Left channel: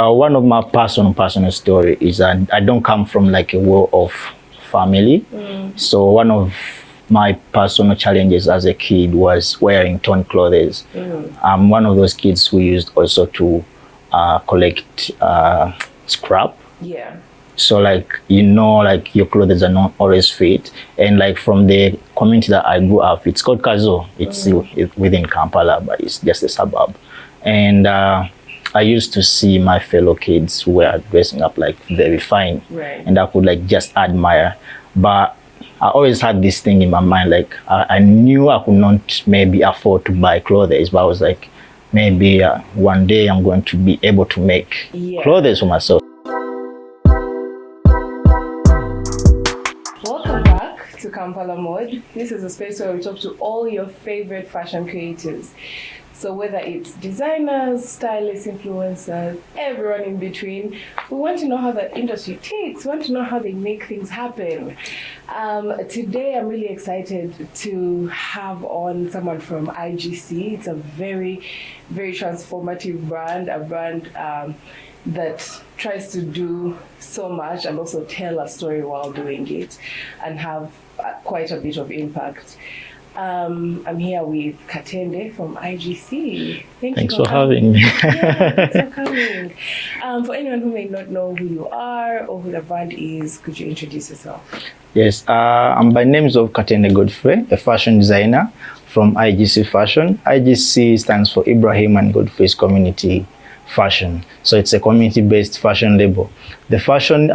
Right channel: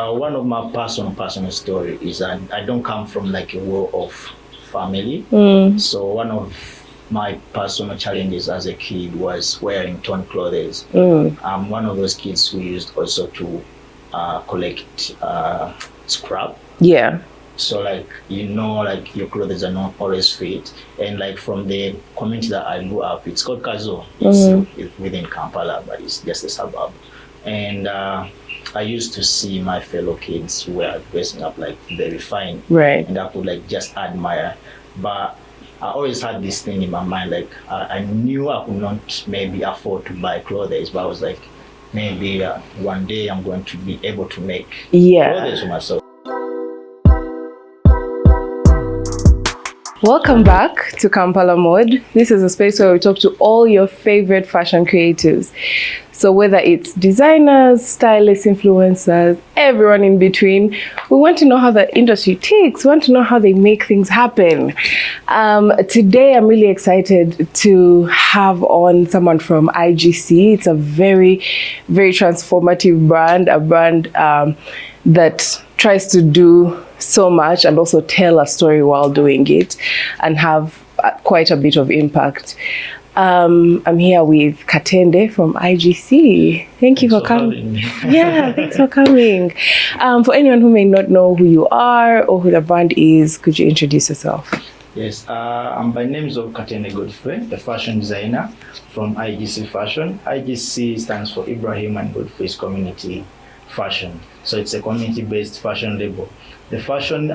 One of my personal story is I don't come from like a world of family. So one of my personal challenges as a kid was wearing torn clothes. I'm one of those kids who used also to collect scrap. Yeah. So like, like your clothes are not always fit. And like from the community that I grew up, it's called Kazo. It's within Kampala, but it's just a suburb. And I used to see my fellow kids who were dressing up like very fine. Right. And I could like just admire. But I always had this thing in my mind, like I knew I could not maybe afford to buy clothes, but I was like, maybe one day I'm going to be able to make clothes for myself. Welcome back to Kampala Mode. This is a space where we talk to all your favorite fashion creatives. So whether it's designers, stylists, influencers, everyone in between, we want to know how the industry ticks. We want to know how they make things happen. Today, I'm really excited to have on someone from IGC. It's a very, very transformative brand, a brand that tries to do so much and also tell a story while doing it and have quite a bit of impact. I'm here with Katende from IGC. Thanks you for coming. Yeah, thanks for coming. For anyone who may not know who you are or who the brand is, could you introduce yourself? Yes, I'm by names of Katende Godfrey, a fashion designer from IGC Fashions. IGC stands for Ibrahim and Godfrey's Community Fashion. So it's a community-based fashion label. The fashion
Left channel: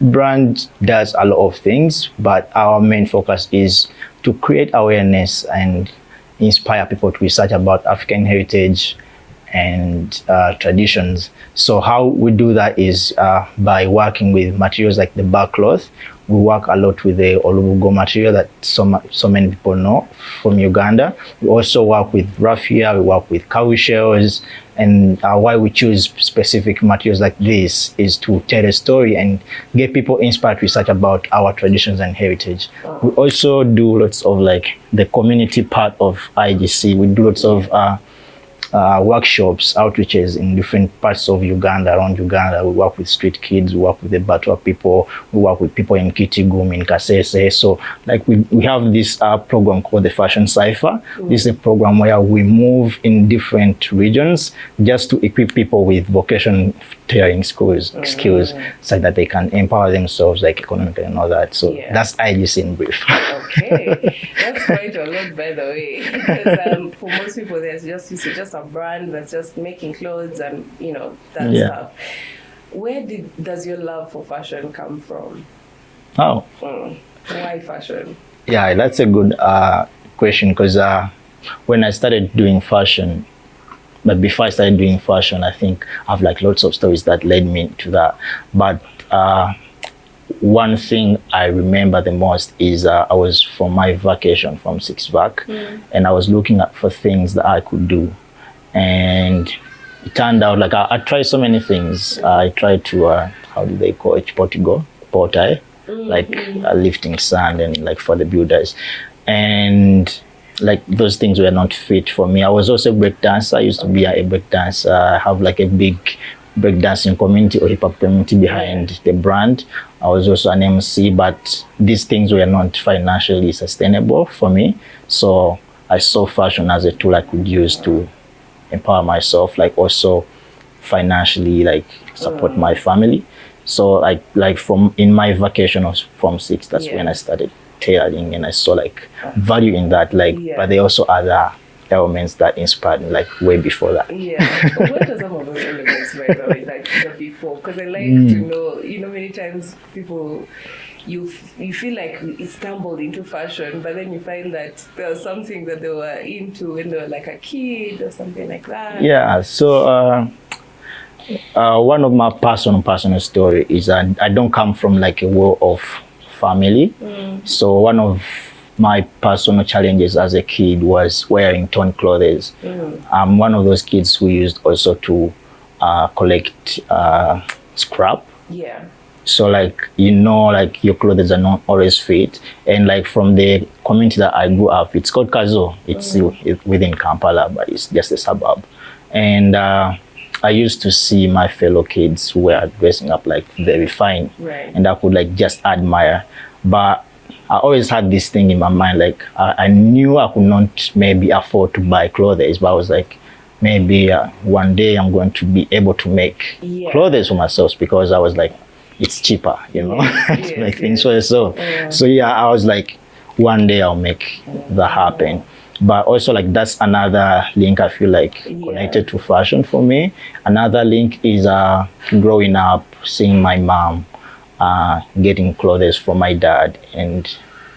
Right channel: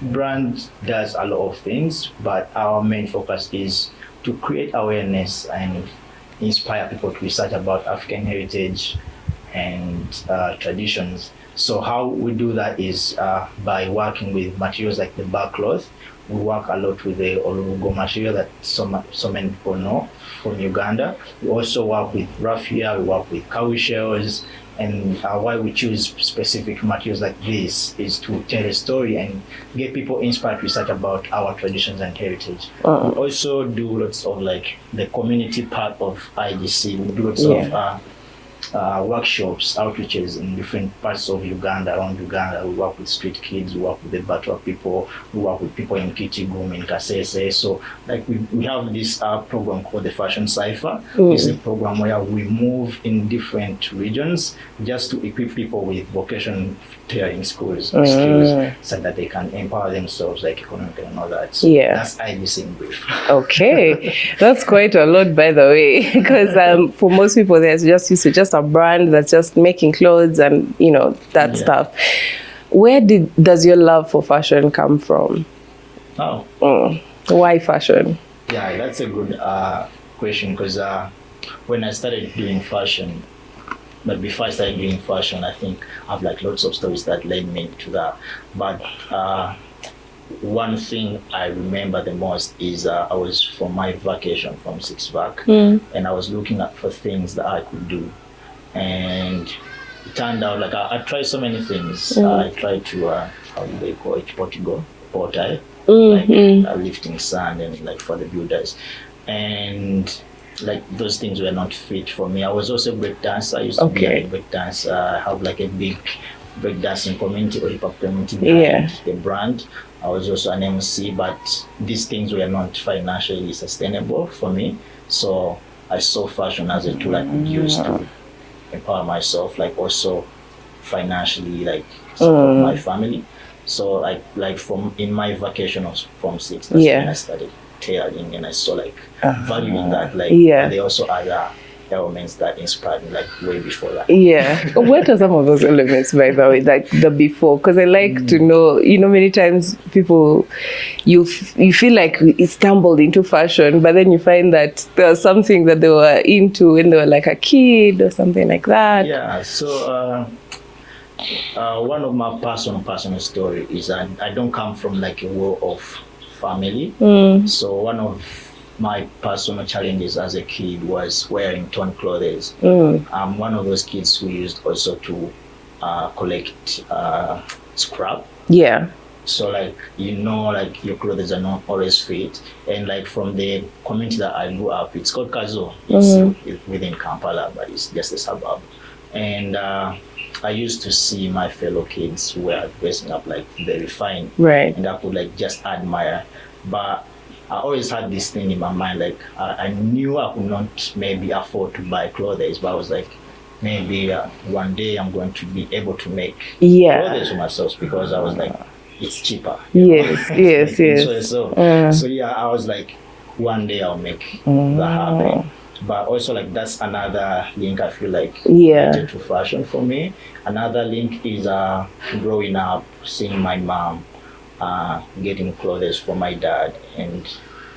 brand does a lot of things, but our main focus is to create awareness and inspire people to research about African heritage and traditions. So how we do that is by working with materials like the Barkcloth. We work a lot with the Olubugo material that so many people know from Uganda. We also work with raffia, we work with cow shells, and why we choose specific materials like this is to tell a story and get people inspired to research about our traditions and heritage. We also do lots of like the community part of IGC. We do lots of workshops, outreaches in different parts of Uganda, around Uganda. We work with street kids, we work with the Backlo people, we work with people in Kitigum, in Kasese. So like we have this program called the Fashion Cipher. This is a program where we move in different regions just to equip people with vocation tailoring skills so that they can empower themselves like economically and all that. So that's IGC in brief. Okay, that's quite a lot, by the way, because for most people there's just used to just a brand that's just making clothes and that stuff. Where does your love for fashion come from? Why fashion? Yeah, that's a good question, because when I started doing fashion, but before I started doing fashion, I think I have like lots of stories that led me to that. But one thing I remember the most is I was from my vacation from 6 back, and I was looking for things that I could do. And it turned out like I tried so many things. I tried to, how do they call it, portai, like lifting sand and like for the builders. And like those things were not fit for me. I was also a break dancer. I used to be a break dancer. I have like a big break dancing community or hip hop community behind the brand. I was also an MC, but these things were not financially sustainable for me. So I saw fashion as a tool I could use to empower myself, like also financially, like support my family. So like from in my vacation from 6, that's when I started tailoring, and I saw like value in that, like but there also other elements that inspired me like way before that. What are some of those elements, by the way, like the before? Because I like to know, many times people, you feel like it stumbled into fashion, but then you find that there was something that they were into when they were like a kid or something like that. So one of my personal story is I don't come from like a world of family. So one of my personal challenges as a kid was wearing torn clothes. I'm one of those kids who used also to collect scrap. So like, like your clothes are not always fit. And like from the community that I grew up, it's called Kazo. It's within Kampala, but it's just a suburb. And I used to see my fellow kids who were dressing up like very fine, Right. and I could like just admire. But I always had this thing in my mind, like I knew I could not maybe afford to buy clothes, but I was like, maybe one day I'm going to be able to make clothes for myself, because I was like, it's cheaper, you know. So yeah, I was like, one day I'll make that happen. But also like that's another link I feel like connected to fashion for me. Another link is growing up, seeing my mom getting clothes for my dad, and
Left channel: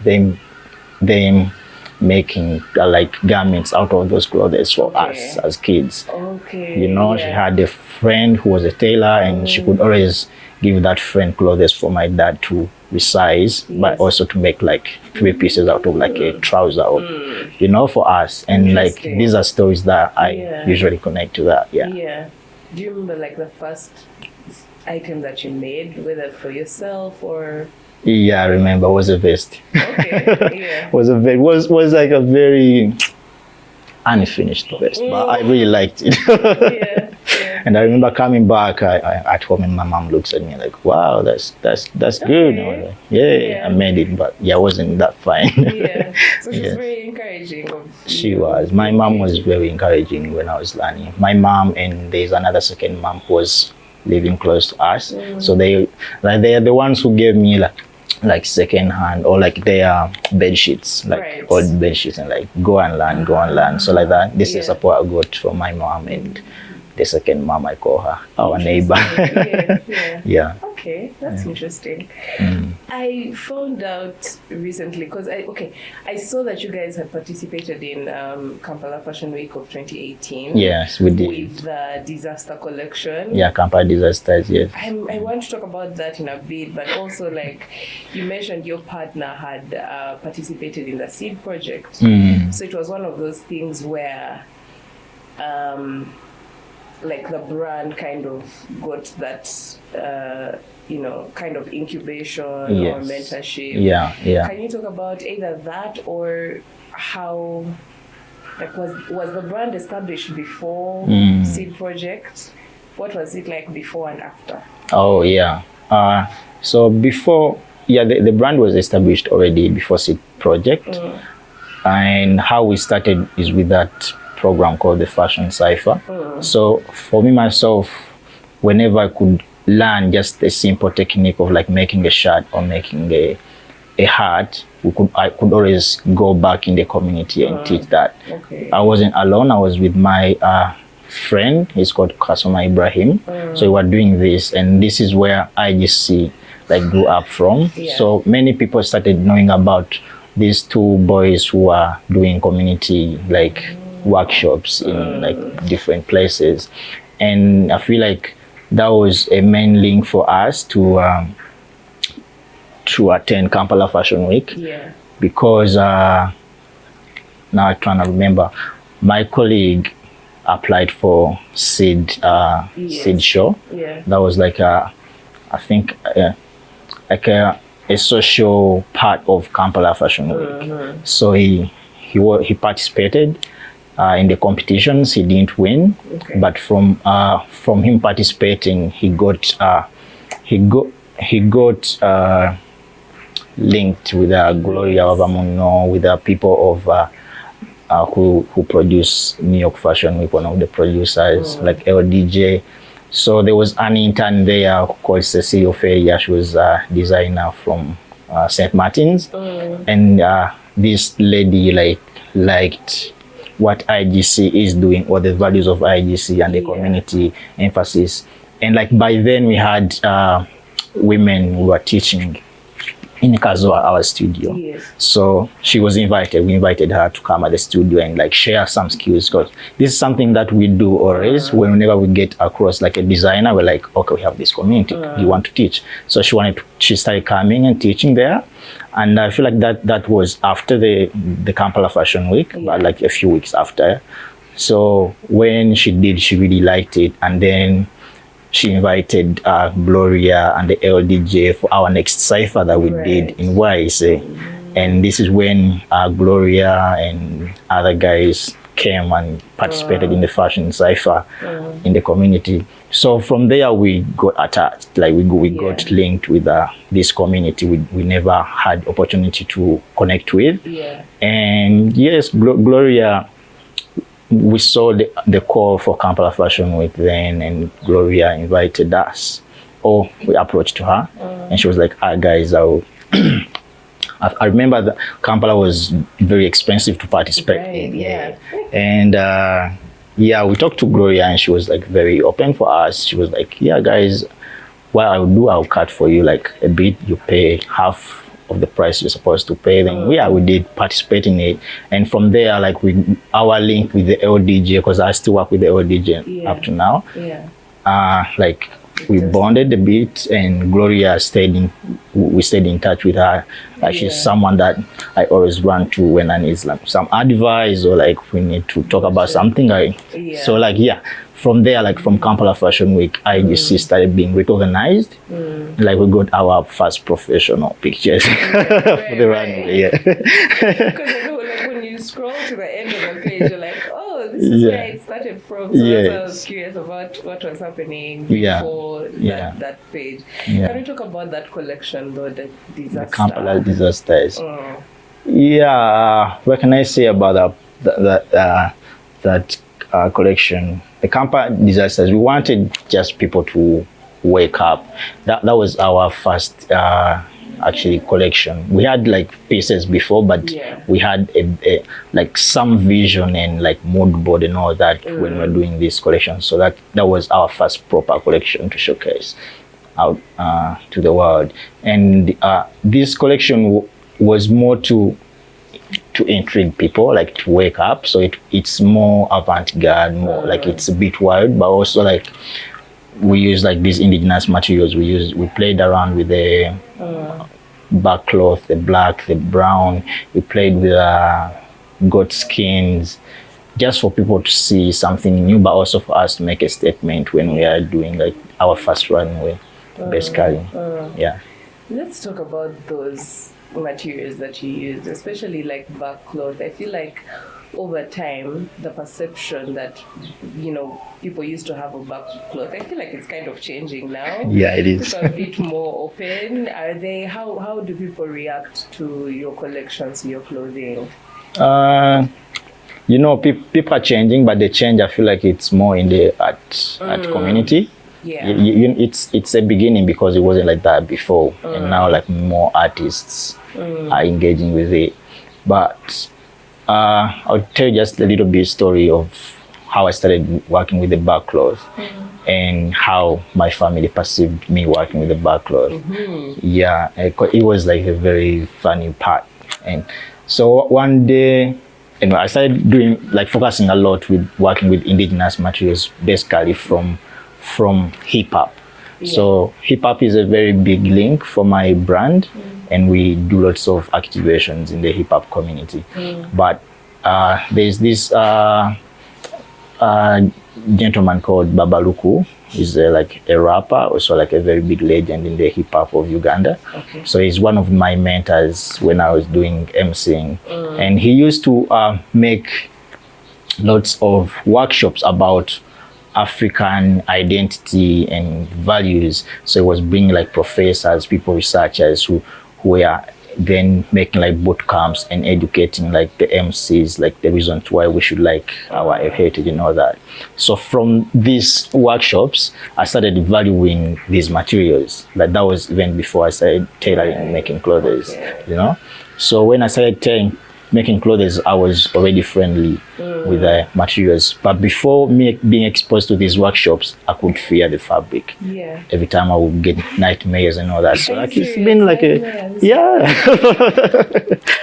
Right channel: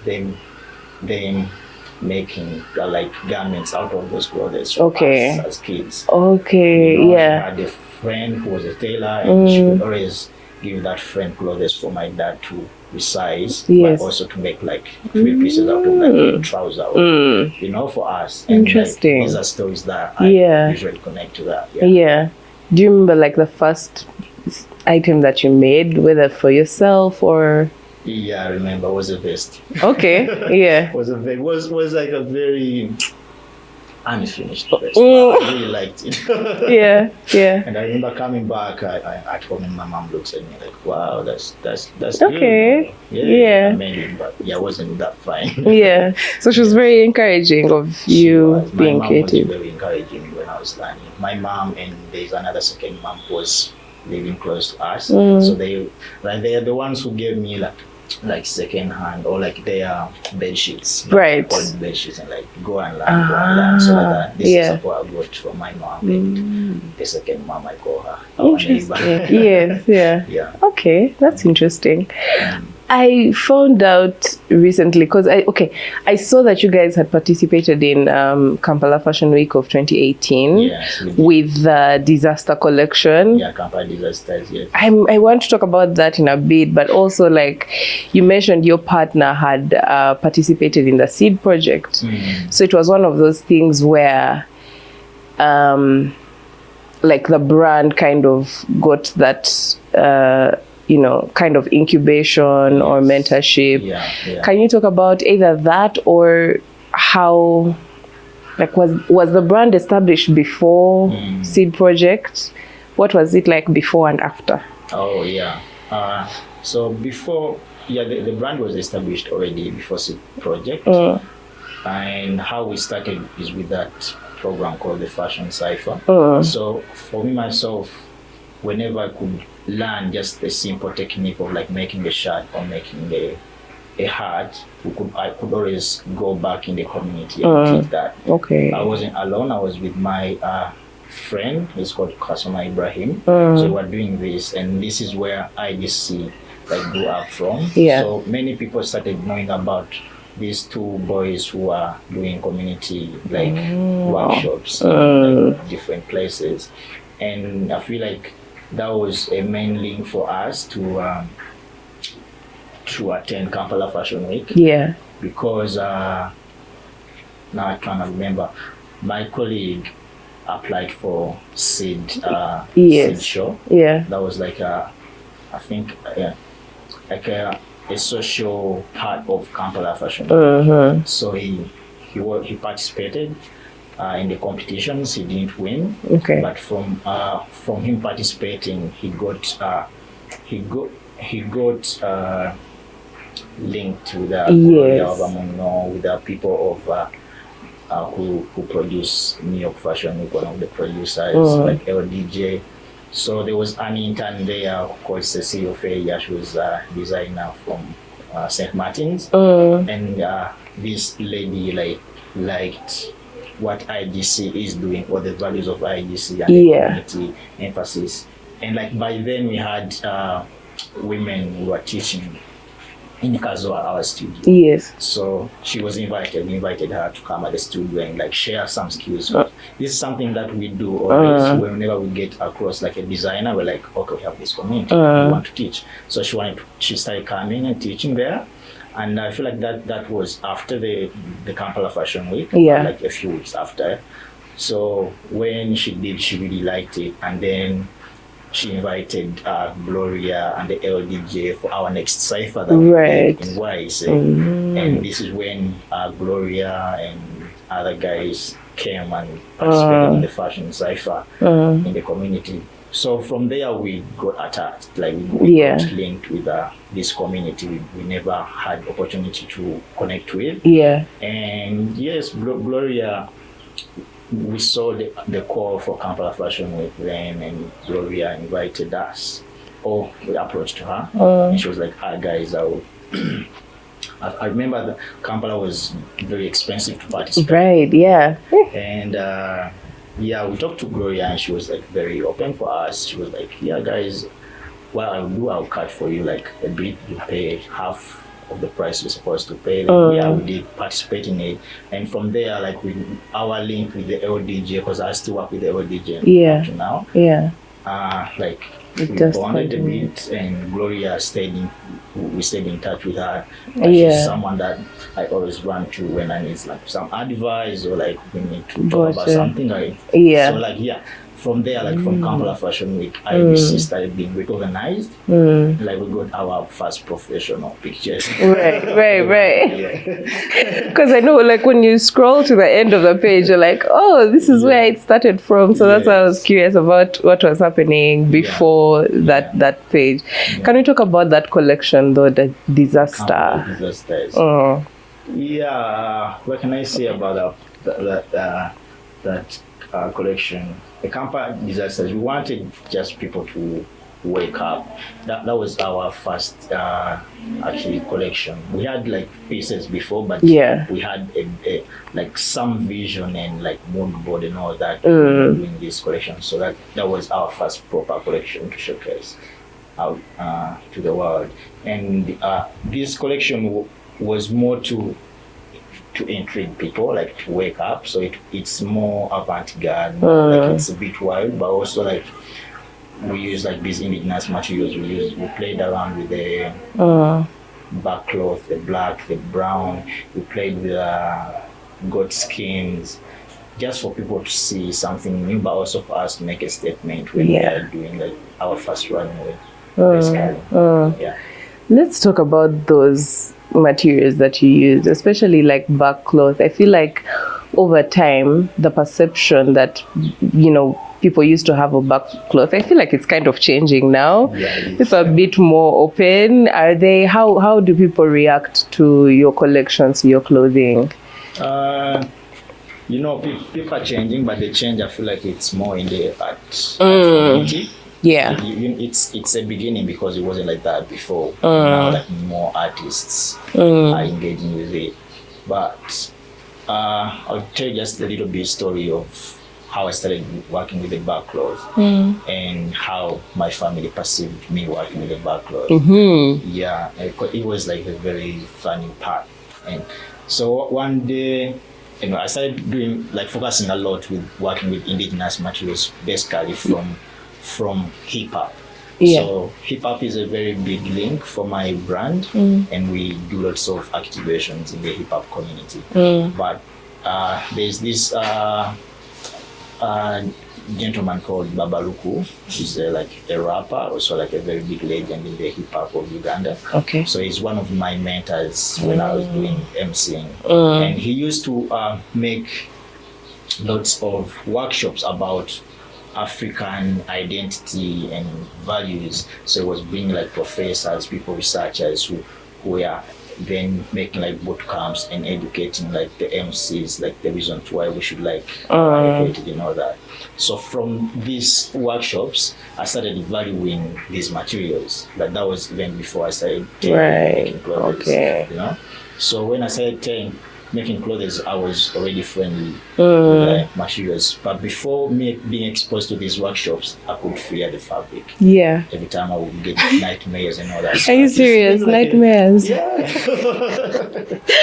them making like garments out of those clothes for us as kids. You know, she had a friend who was a tailor, and she could always give that friend clothes for my dad to resize, but also to make like 3 pieces out of like a trouser, or, you know, for us. And like these are stories that I usually connect to that. Do you remember like the first item that you made, whether for yourself or? I remember. It was a vest. Was like a very unfinished vest, but I really liked it. And I remember coming back at home, and my mom looks at me like, "Wow, that's good." I made it, but it wasn't that fine. So she was very encouraging of you. She was. My mom creative. was very encouraging when I was learning. My mom, and there's another second mom who was living close to us, so they're the ones who gave me like second hand, or like their bed sheets, like old bed sheets, and like go and learn. So like that, this is support I got from my mom, and the second mom, I call her our neighbor. Okay, that's interesting. I found out recently, because I saw that you guys had participated in Kampala Fashion Week of 2018. Yes, we did. With the disaster collection. Kampala disasters. Yes. I want to talk about that in a bit, but also like you mentioned your partner had participated in the seed project. So it was one of those things where like the brand kind of got that kind of incubation or mentorship. Can you talk about either that, or how, like, was the brand established before seed project? What was it like before and after? So before, the brand was established already before seed project. And how we started is with that program called the Fashion Cipher. So for me myself, whenever I could learn just a simple technique of like making a shirt or making a hat, I could always go back in the community and teach that. I wasn't alone. I was with my friend. He's called Kampala Ibrahim. So we were doing this, and this is where IGC like grew up from. So many people started knowing about these two boys who are doing community like workshops in like different places, and I feel like that was a main link for us to attend Kampala Fashion Week. Because now I'm trying to remember, my colleague applied for seed show. That was like I think like a social part of Kampala Fashion Week. So he participated in the competitions. He didn't win, but from him participating, he got linked with Gloria Obamuno, with the people of who produce New York Fashion Week, one of the producers, like LDJ. So there was an intern there called Cecilia Feya. She was a designer from St. Martin's, and this lady liked what IGC is doing, or the values of IGC and the community emphasis. And like by then we had women who were teaching in Kazwa, our studio. So she was invited. We invited her to come at the studio and like share some skills, because this is something that we do always. Whenever we get across like a designer, we're like, okay, we have this community, you want to teach. So she started coming and teaching there. And I feel like that was after the Kampala Fashion Week, but like a few weeks after. So when she did, she really liked it, and then she invited Gloria and the LDJ for our next cipher that we did in YSA. And this is when Gloria and other guys came and participated in the fashion cipher in the community. So from there we got attached, like we got linked with this community we never had opportunity to connect with. Yeah. And yes, Gloria, we saw the call for Kampala Fashion Week then, and Gloria invited us, or we approached her, and she was like, guys, I remember that Kampala was very expensive to participate. Right, yeah. And yeah, we talked to Gloria and she was like very open for us. She was like, yeah, guys, what I'll cut for you like a bit. You pay half of the price you're supposed to pay. Then yeah, we did participate in it. And from there, like our link with the LDJ, because I still work with the LDJ up to now. Yeah. Like we bonded a bit, and Gloria we stayed in touch with her. She's someone that I always run to when I need like some advice, or like we need to talk about something. So like, yeah, from there, like from Kampala Fashion Week, IGC started being recognized. Like we got our first professional pictures. Right. Yeah. Because I know, like when you scroll to the end of the page, you're like, oh, this is where it started from. So that's why I was curious about what was happening before that page. Can we talk about that collection though, the disaster? Kampala disasters. Yeah. What can I say about that collection? The Kampala disasters, we wanted just people to wake up. That was our first actually collection. We had like pieces before, but we had a like some vision and like mood board and all that when we were doing this collection. So that was our first proper collection to showcase out to the world. And this collection was more to intrigue people, like to wake up. So it's more avant-garde, more like it's a bit wild, but also like we use like these indigenous materials. We played around with the Barkcloth, the black, the brown. We played with goat skins, just for people to see something new, but also for us to make a statement when we are doing like our first runway, basically. Yeah. Let's talk about those materials that you use, especially like Barkcloth. I feel like over time, the perception that, people used to have a Barkcloth, I feel like it's kind of changing now. Yeah, it is. It's a bit more open. How do people react to your collections, your clothing? People are changing, but the change, I feel like it's more in the art community. Yeah, it's a beginning, because it wasn't like that before, and now like more artists are engaging with it. But I'll tell you just a little bit story of how I started working with the Backlo and how my family perceived me working with the Backlo. Yeah, it was like a very funny part. And so one day, I started focusing a lot with working with indigenous materials, basically from hip hop. So hip hop is a very big link for my brand, and we do lots of activations in the hip hop community. But there's this gentleman called Babaluku. He's like a rapper, also like a very big legend in the hip hop of Uganda. Okay. So he's one of my mentors when I was doing MCing, and he used to make lots of workshops about African identity and values. So it was bringing like professors, people, researchers who were then making like boot camps and educating like the MCs, like the reasons why we should like our heritage and all that. So from these workshops, I started valuing these materials. Like that was even before I started making clothes. So when I started making clothes, I was already friendly with the materials. But before me being exposed to these workshops, I could fear the fabric. Yeah. Every time I would get nightmares and all that. So Are you serious? Like nightmares?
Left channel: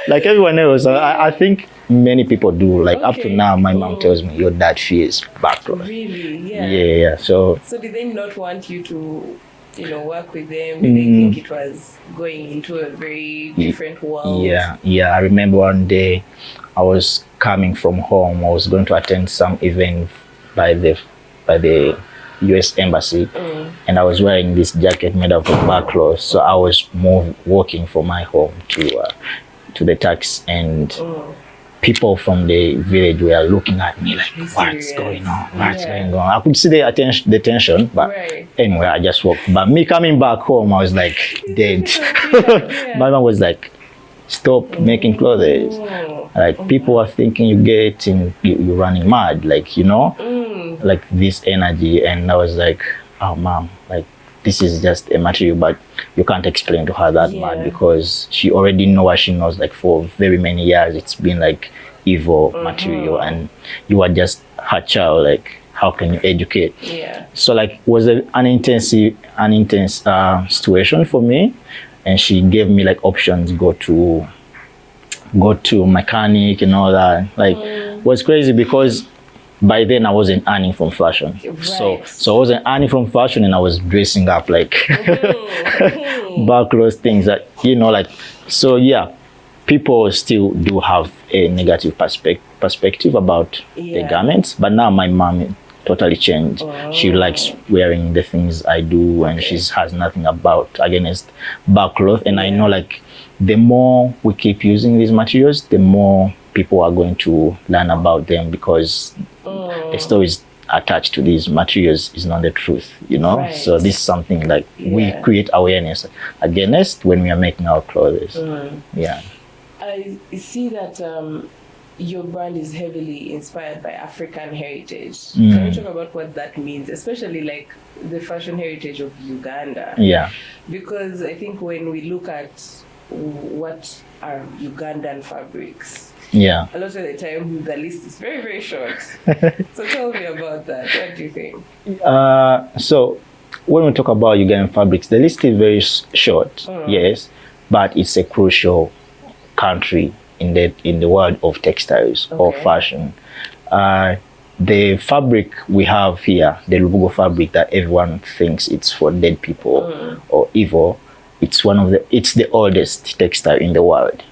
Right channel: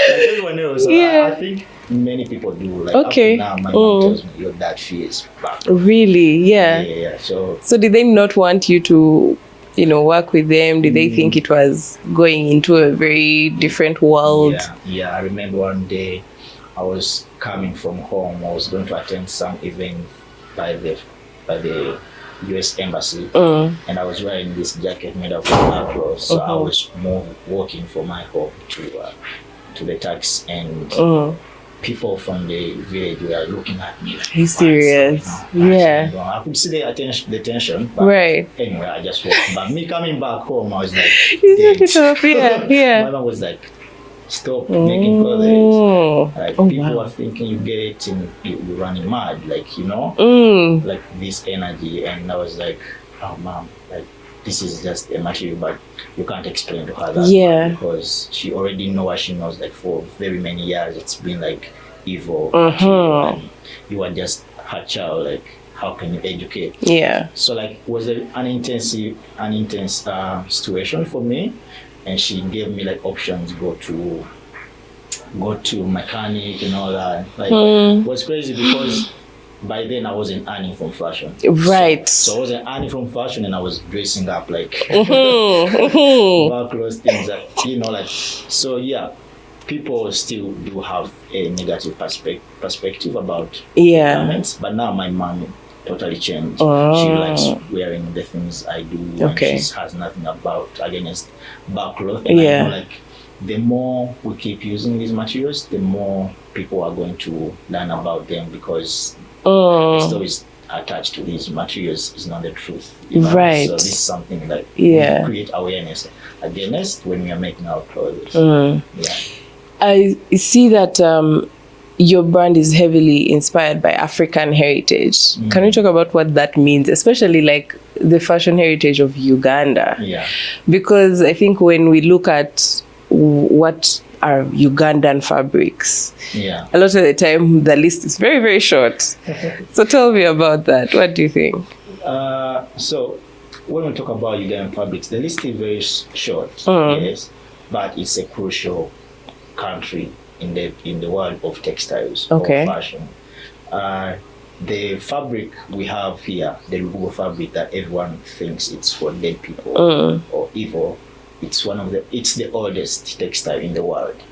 Like everyone else. I think many people do. Like up to now, my mom tells me, your dad fears back. Really? Yeah. Yeah. So did they not want you to work with them? Did they think it was going into a very different world? Yeah. I remember one day I was coming from home. I was going to attend some event by the US Embassy, and I was wearing this jacket made of Backlo. So I was walking from my home to the taxi, and people from the village were looking at me like, what's serious? going on? What's going on? I could see the tension, but anyway, I just walked back. Me coming back home, I was like dead. My mom was like, stop making clothes. Like people are thinking you're running mad, like, you know, like this energy. And I was like, oh mom, like this is just a material, but you can't explain to her that much because she already knows what she knows. Like for very many years, it's been like evil material, and you are just her child. Like, how can you educate? So like it was an intense situation for me, and she gave me like options: go to mechanic and all that. Like it was crazy because by then I wasn't earning from fashion. So I wasn't earning from fashion, and I was dressing up like Barkcloth things that, you know, like, so yeah, people still do have a negative perspective about the garments, but now my mom totally changed. She likes wearing the things I do, and she has nothing against Backcloth. And I know, like, the more we keep using these materials, the more people are going to learn about them, because the stories attached to these materials is not the truth, you know. So this is something like we create awareness against when we are making our clothes. I see that your brand is heavily inspired by African heritage. Can you talk about what that means, especially like the fashion heritage of Uganda? Because I think when we look at what are Ugandan fabrics, a lot of the time the list is very, very short. So tell me about that. What do you think? So when we talk about Ugandan fabrics, the list is very short, yes, but it's a crucial country in the world of textiles or fashion. The fabric we have here, the Lubugo fabric that everyone thinks it's for dead people or evil, it's the oldest textile in the world.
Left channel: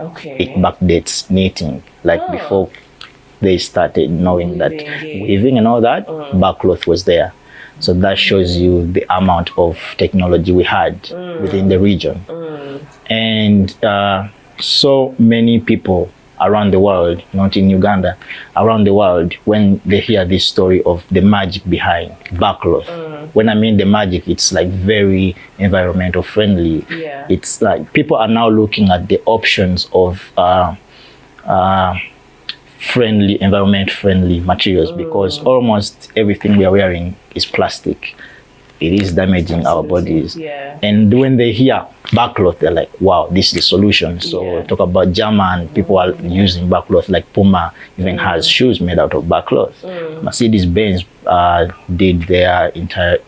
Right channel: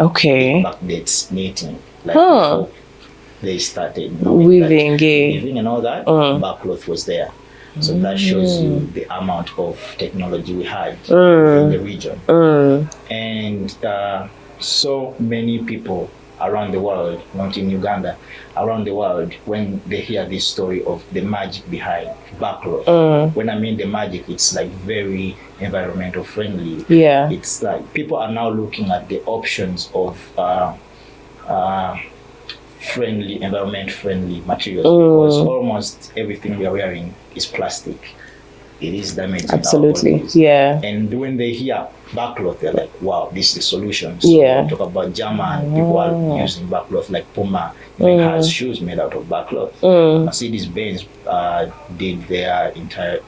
It backdates knitting, like before they started knowing weaving and all that. Barkcloth was there. So that shows you the amount of technology we had within the region. And so many people around the world, not in Uganda, around the world, when they hear this story of the magic behind Barkcloth, when I mean the magic, it's like very environmental friendly. It's like people are now looking at the options of environment friendly materials, because almost everything we are wearing is plastic. It is damaging our bodies. And when they hear Barkcloth, they're like, wow, this is the solution. So talk about German, people are using Barkcloth, like Puma even has shoes made out of Barkcloth. Mercedes-Benz did their entire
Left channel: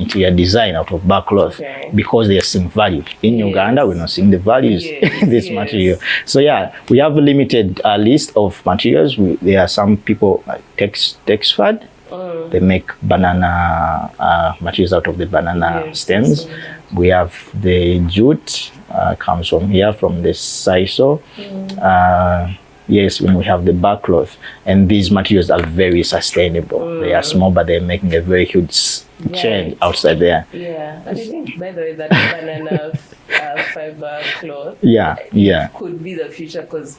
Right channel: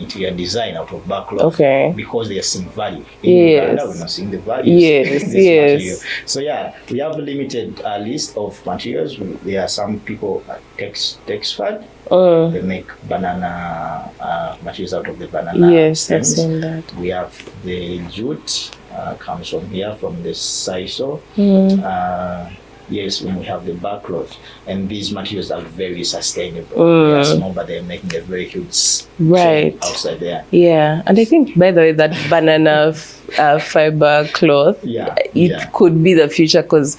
interior design out of Barkcloth because they are seeing value. In Uganda, we're not seeing the values in this material. So yeah, we have a limited list of materials. There are some people like Texfad. They make banana materials out of the banana stems. We have the jute, comes from here, from the sisal. When we have the Barkcloth, and these materials are very sustainable. They are small, but they're making a very huge change outside there. And I think, by the way, that banana fiber cloth, it could be the future, because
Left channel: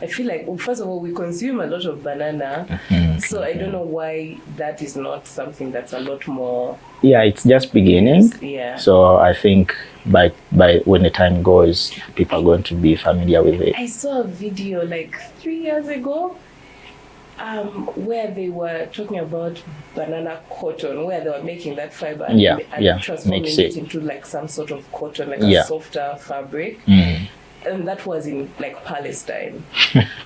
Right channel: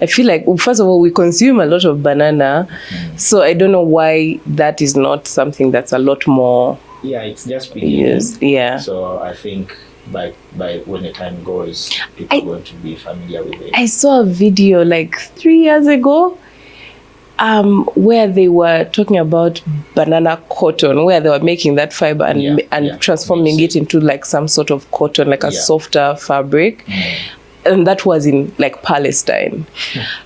I feel like, first of all, we consume a lot of banana, so I don't know why that is not something that's a lot more. It's just beginning. So I think by when the time goes, people are going to be familiar with it. I saw a video like 3 years ago where they were talking about banana cotton, where they were making that fiber and transforming it into like some sort of cotton, like a softer fabric. And that was in like Palestine.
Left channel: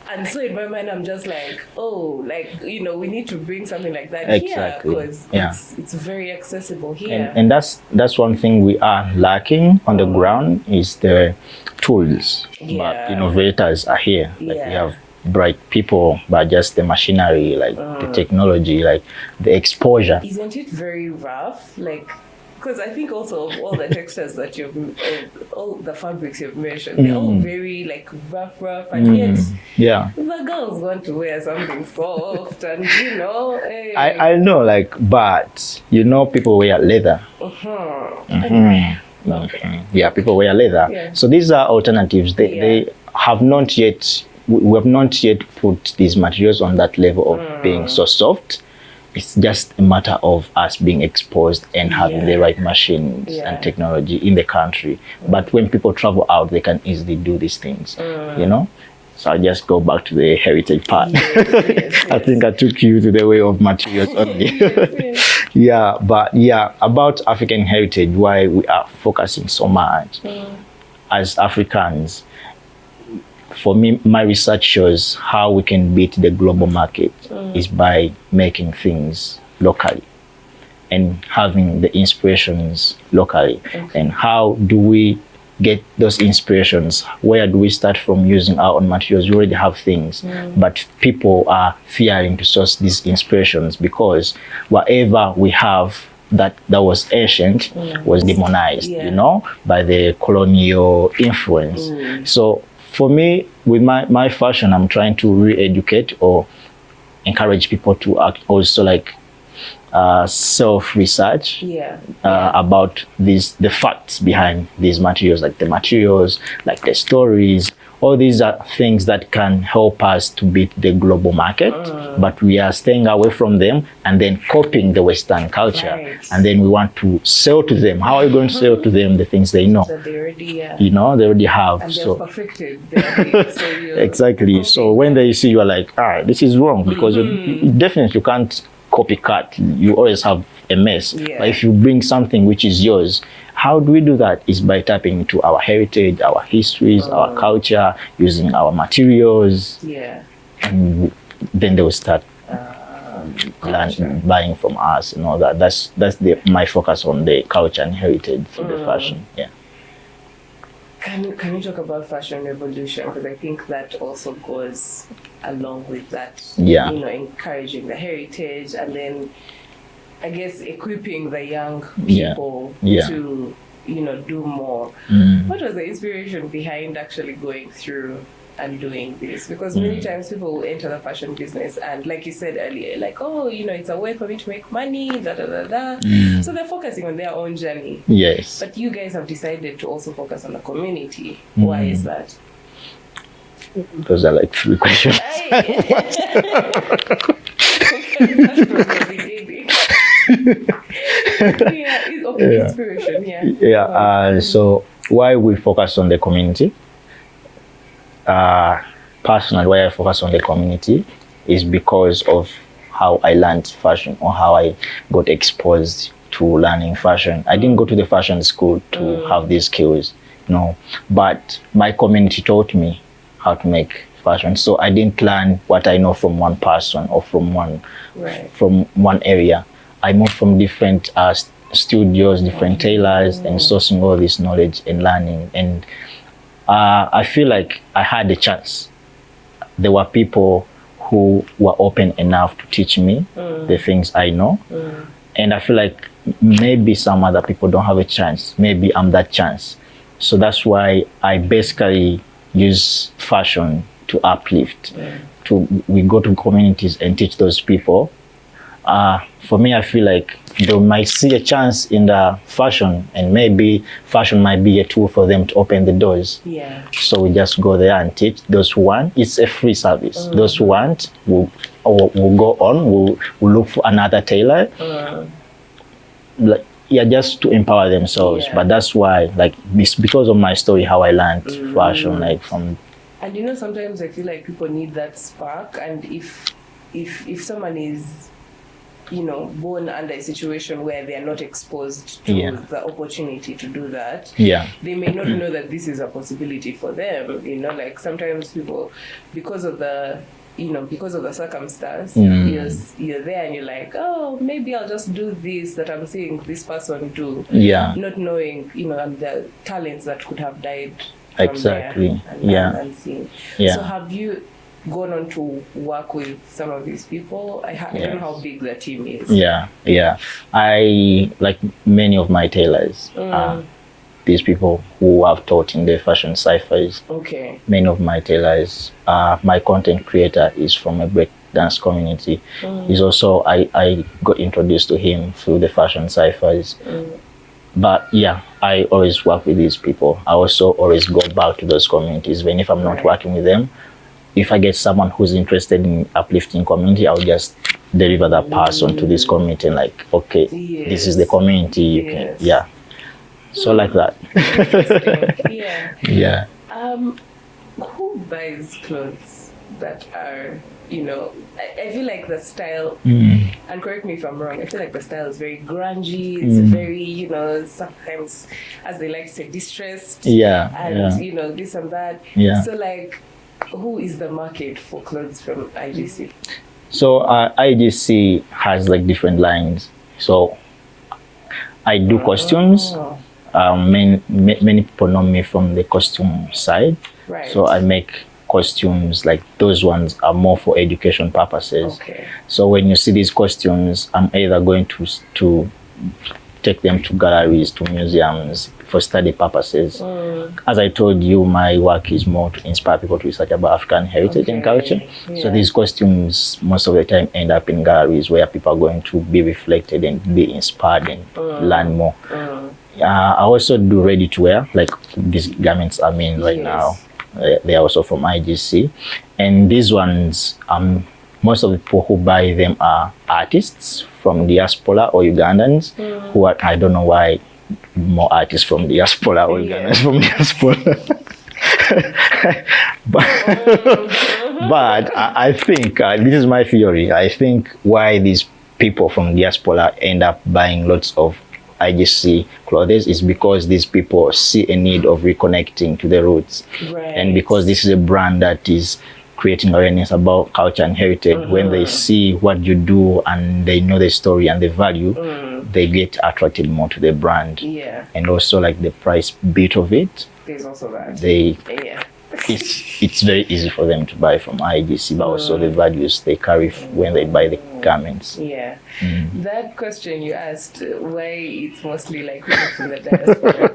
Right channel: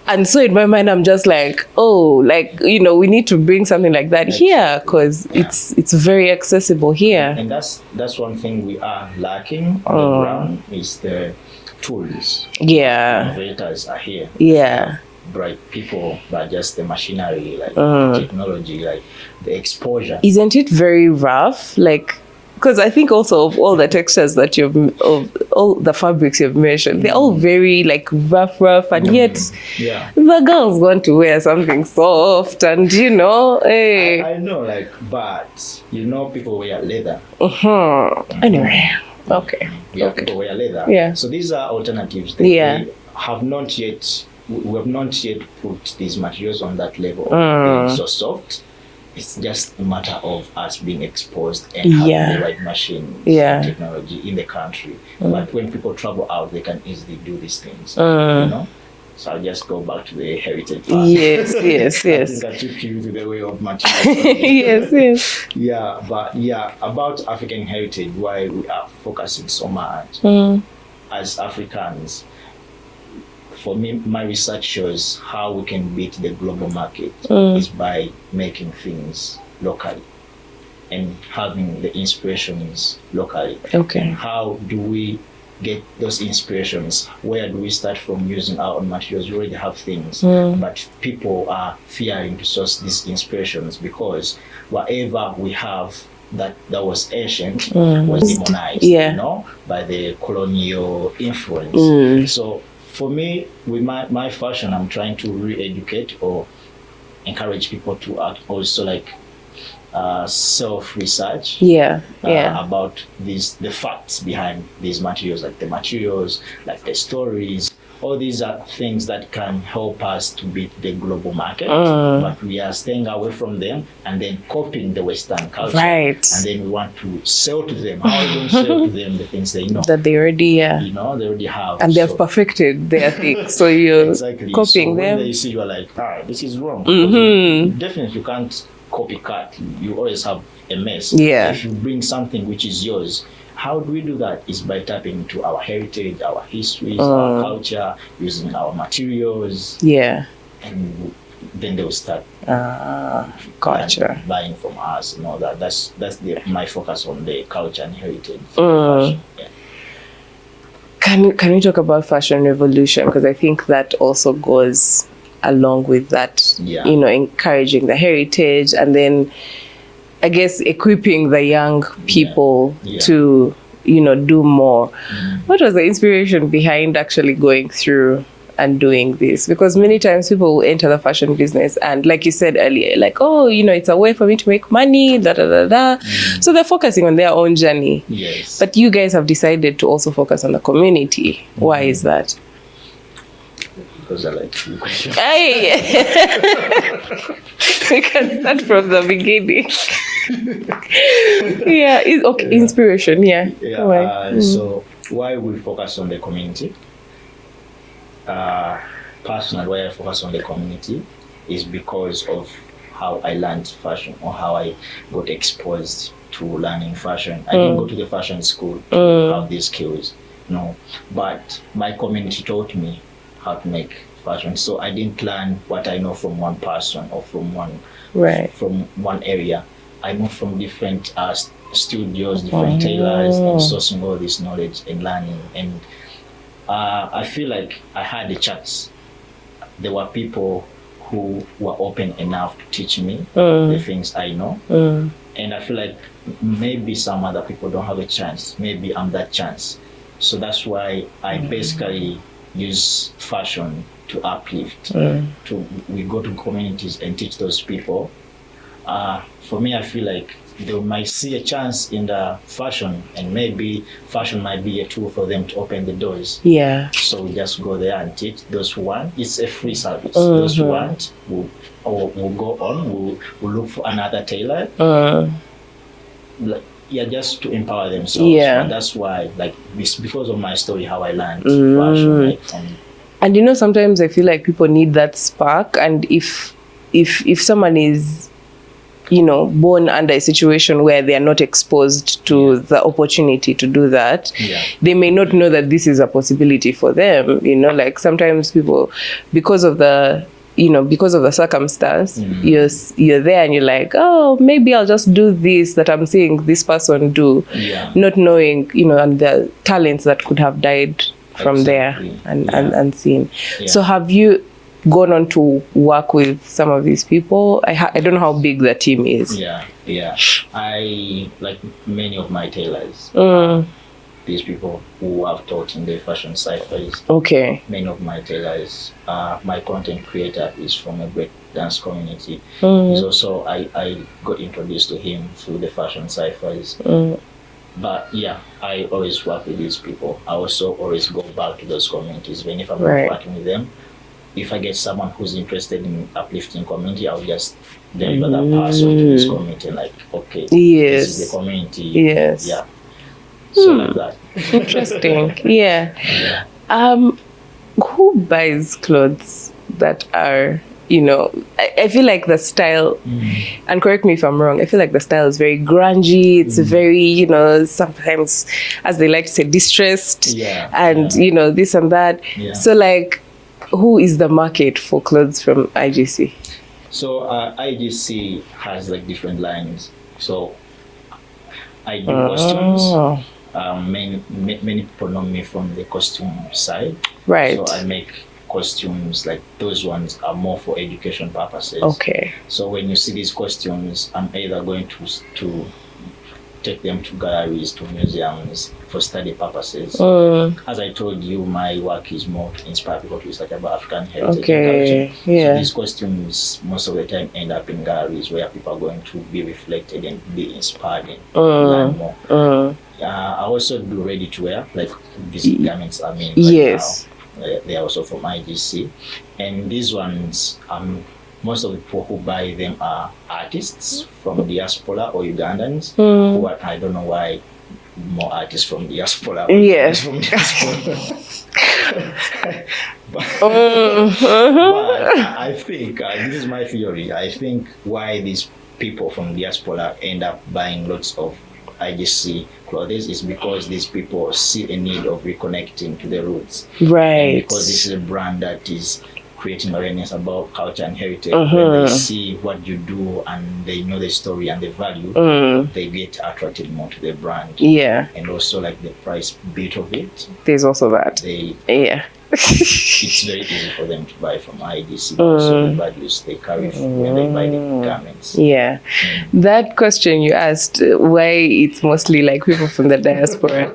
And so in my mind, I'm just like, we need to bring something like that here, because it's very accessible here. And that's one thing we are lacking on the ground, is the tools. But innovators are here. Like, we have bright people, but just the machinery, like the technology, like the exposure. Isn't it very rough? Like, because I think also of all the textures that of all the fabrics you've mentioned, they're all very like rough, and yet the girls want to wear something soft, and I know, like, but people wear leather. Anyway, people wear leather. So these are alternatives. They have not yet we have not yet put these materials on that level of being so soft. It's just a matter of us being exposed and having the right machines and technology in the country. But when people travel out, they can easily do these things, you know? So I'll just go back to the heritage part. Yes, yes, yes. I think I took you to the way of materials only. Yes, yes. Yeah, but yeah, about African heritage, why we are focusing so much as Africans. For me, my research shows how we can beat the global market is by making things locally and having the inspirations locally. Okay. And how do we get those inspirations? Where do we start from using our own materials? We already have things, but people are fearing to source these inspirations because whatever we have that was ancient was demonized, you know, by the colonial influence. So for me, with my fashion, I'm trying to re-educate or encourage people to act also like self-research about the facts behind these materials, like the materials, like the stories. All these are things that can help us to beat the global market, but we are staying away from them and then copying the Western culture. Right. And then we want to sell to them. How are you going to sell to them the things they know? That they already, you know, they already have. And they've perfected their things. So you're exactly. So when they see you are like, this is wrong, because you definitely can't copycat. You always have a mess. Yeah. If you bring something which is yours, how do we do that? Is by tapping into our heritage, our histories, our culture, using our materials. Yeah. And then they will start culture buying from us and all that. That's my focus on the culture and heritage for the fashion. Yeah. Can we talk about fashion revolution? Because I think that also goes along with that. Yeah. You know, encouraging the heritage and then I guess equipping the young people to, you know, do more. What was the inspiration behind actually going through and doing this? Because many times people will enter the fashion business and like you said earlier, like, oh, you know, it's a way for me to make money, So they're focusing on their own journey. Yes. But you guys have decided to also focus on the community. Why is that? Because I like 3 questions. We can start from the beginning. Inspiration. So why we focus on the community? Personally, why I focus on the community is because of how I learned fashion or how I got exposed to learning fashion. I didn't go to the fashion school to have these skills, no. But my community taught me how to make fashion. So I didn't learn what I know from one person or from one area. I moved from different studios, different tailors, and sourcing all this knowledge and learning. And I feel like I had a chance. There were people who were open enough to teach me the things I know. And I feel like maybe some other people don't have a chance. Maybe I'm that chance. So that's why I basically use fashion to uplift. We go to communities and teach those people. For me, I feel like they might see a chance in the fashion, and maybe fashion might be a tool for them to open the doors. Yeah. So we just go there and teach those who want. It's a free service. Those who want will go on. Will look for another tailor. Just to empower themselves. But that's why, like, because of my story, how I learned fashion, like from. And you know, sometimes I feel like people need that spark, and if someone is, you know, born under a situation where they are not exposed to the opportunity to do that, they may not know that this is a possibility for them. You know, like sometimes people, because of the circumstance, you're there and you're like, oh, maybe I'll just do this that I'm seeing this person do, not knowing, you know, and the talents that could have died from there and seen. So have you gone on to work with some of these people? I don't know how big the team is. I like many of my tailors. These people who have taught in the fashion ciphers. Many of my tailors. My content creator is from a break dance community. He's also, I got introduced to him through the fashion ciphers. But I always work with these people. I also always go back to those communities, even if I'm not working with them. if I get someone who's interested in uplifting community, I'll just deliver that person to this community and like, okay, this is the community. Yes. Yeah. So like that. Interesting. Yeah. Yeah. Who buys clothes that are, you know, I feel like the style, and correct me if I'm wrong, I feel like the style is very grungy. It's very, you know, sometimes, as they like to say, distressed. Yeah. And, you know, this and that. Yeah. So, like, who is the market for clothes from IGC? So IGC has like different lines. So I do costumes. Many people know me from the costume side. Right. So I make costumes, like those ones are more for education purposes. Okay. So when you see these costumes, I'm either going to take them to galleries, to museums for study purposes. As I told you, my work is more to inspire people to research about African heritage and culture. Yeah. So these costumes most of the time end up in galleries where people are going to be reflected and be inspired and learn more. I also do ready to wear, like these garments I'm in right now. They are also from IGC. And these ones, most of the people who buy them are artists from diaspora or Ugandans who are, I don't know why more artists from diaspora or Ugandans from diaspora. But I think, this is my theory, I think why these people from diaspora end up buying lots of IGC clothes is because these people see a need of reconnecting to the roots. Right. And because this is a brand that is creating awareness about culture and heritage, when they see what you do and they know the story and the value, they get attracted more to the brand. Yeah. And also like the price bit of it. There's also that. It's very easy for them to buy from IGC, but also the values they carry when they buy the garments. Yeah. That question you asked, why it's mostly like people from the diaspora,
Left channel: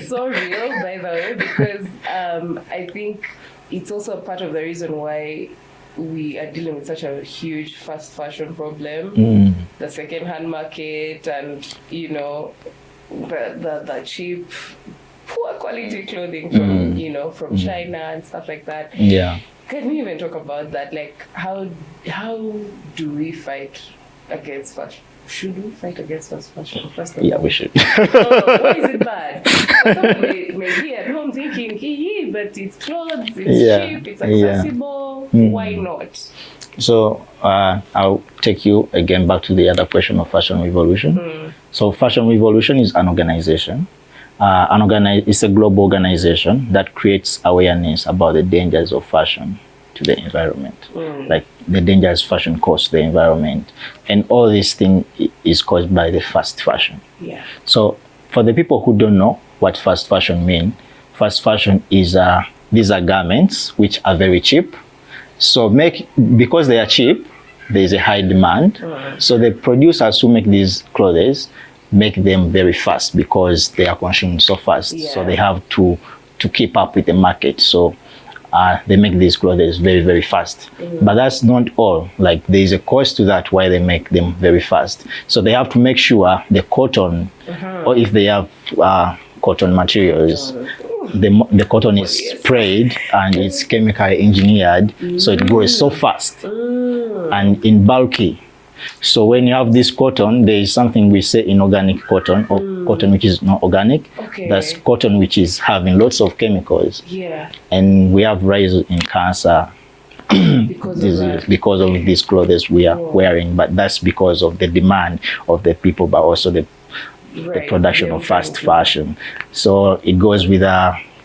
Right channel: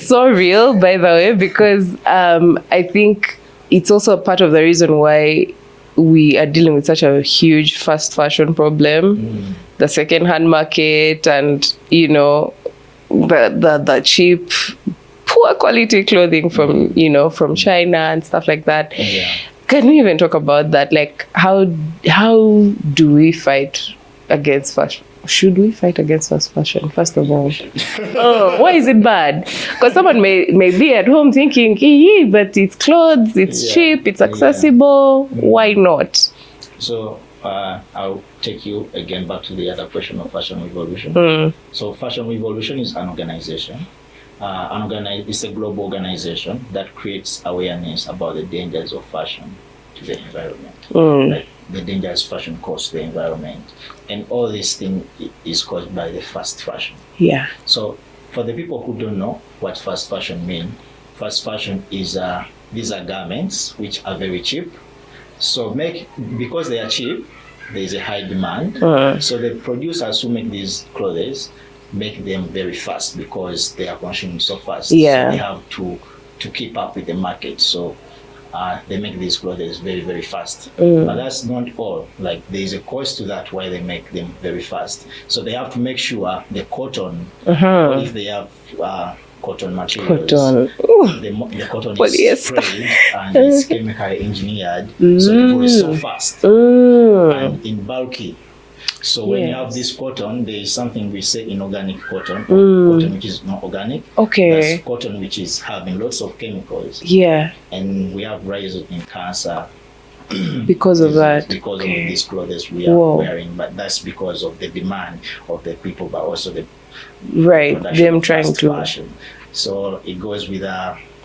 so real, by the way, because I think it's also a part of the reason why we are dealing with such a huge fast fashion problem, the second-hand market, and, you know, the cheap, poor quality clothing from from China and stuff like that. Yeah. Can we even talk about that? Like, how do we fight against fashion? Should we fight against fast fashion? First of all, we should. Why is it bad? Because someone may be at home thinking, but it's clothes, it's cheap, it's accessible. Why not? So I'll take you again back to the other question of Fashion Revolution. So Fashion Revolution is an organization. It's a global organization that creates awareness about the dangers of fashion to the environment, like the dangers fashion causes the environment, and all this thing is caused by the fast fashion. Yeah. So for the people who don't know what fast fashion means, fast fashion is these are garments which are very cheap. So because they are cheap, there is a high demand. So the producers who make these clothes make them very fast because they are consumed so fast. Yeah. So they have to keep up with the market. So they make these clothes very, very fast. But that's not all. Like, there is a cost to that why they make them very fast. So they have to make sure the cotton, or if they have cotton materials, the cotton is sprayed and it's chemically engineered, so it grows so fast and in bulky. So when you have this cotton, there is something we say inorganic cotton, or cotton which is not organic. Okay. That's cotton which is having lots of chemicals. Yeah. And we have rise in cancer because of that. Because of these clothes we are wearing. But that's because of the demand of the people, but also the production of fast fashion. So it goes with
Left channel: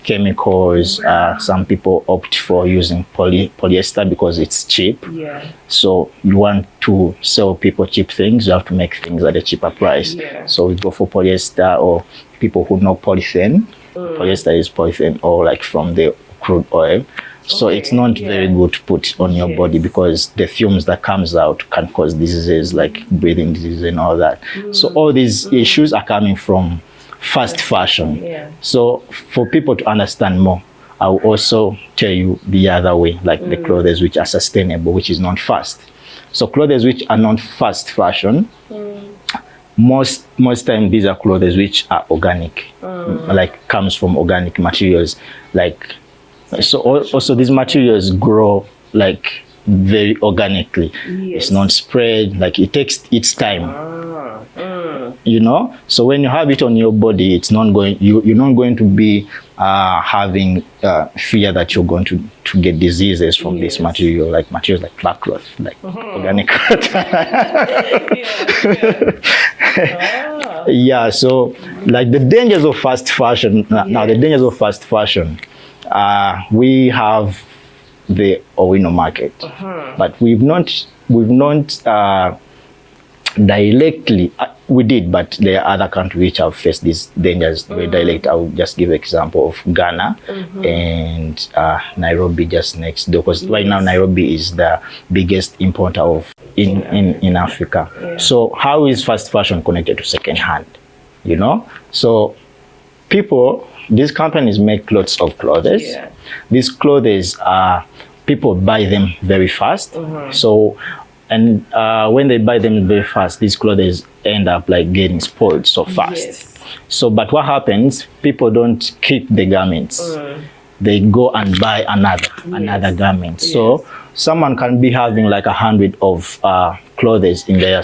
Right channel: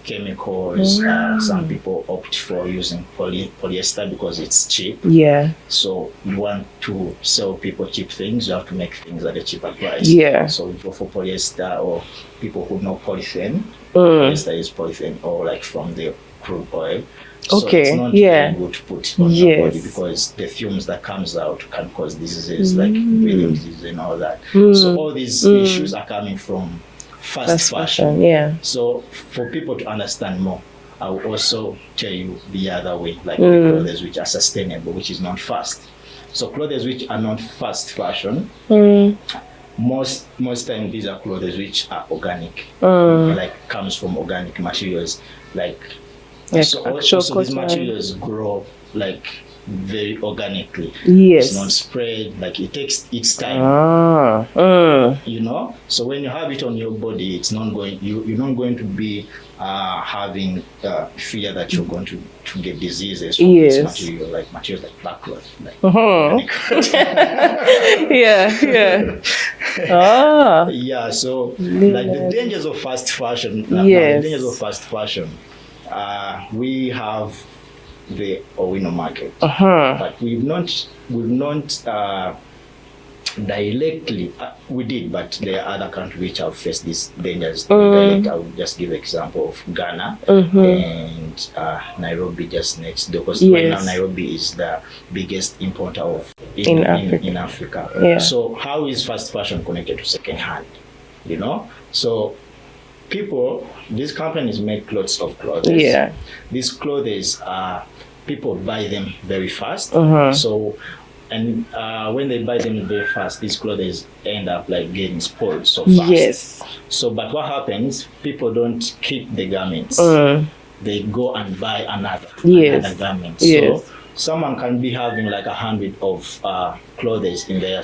chemicals. Some people opt for using polyester because it's cheap. Yeah. So you want to sell people cheap things, you have to make things at a cheaper price. Yeah. So we go for polyester, or people who know polythene. Polyester is polythene, or like from the crude oil. So it's not very good to put on your body because the fumes that comes out can cause diseases like breathing disease and all that. So all these issues are coming from fast fashion. Yeah. So for people to understand more, I will also tell you the other way, like the clothes which are sustainable, which is not fast. So clothes which are not fast fashion, most time these are clothes which are organic, like comes from organic materials. Like So also these materials grow like very organically. Yes. It's not spread, like it takes its time. You know, so when you have it on your body, it's not going, you're not going to be having fear that you're going to get diseases from this material, like materials like Barkcloth, like organic cloth. Yeah, so like the dangers of fast fashion. Now the dangers of fast fashion, we have the Owino market, but we've not directly, we did, but there are other countries which have faced these dangers direct. I will just give an example of Ghana and Nairobi just next door, because right now Nairobi is the biggest importer of in Africa. Yeah. So how is fast fashion connected to second hand? You know, so these companies make lots of clothes. Yeah. These clothes people buy them very fast. So, and when they buy them very fast, these clothes end up like getting spoiled so fast. Yes. So, but what happens? People don't keep the garments. They go and buy another garment. So someone can be having like 100 of clothes in their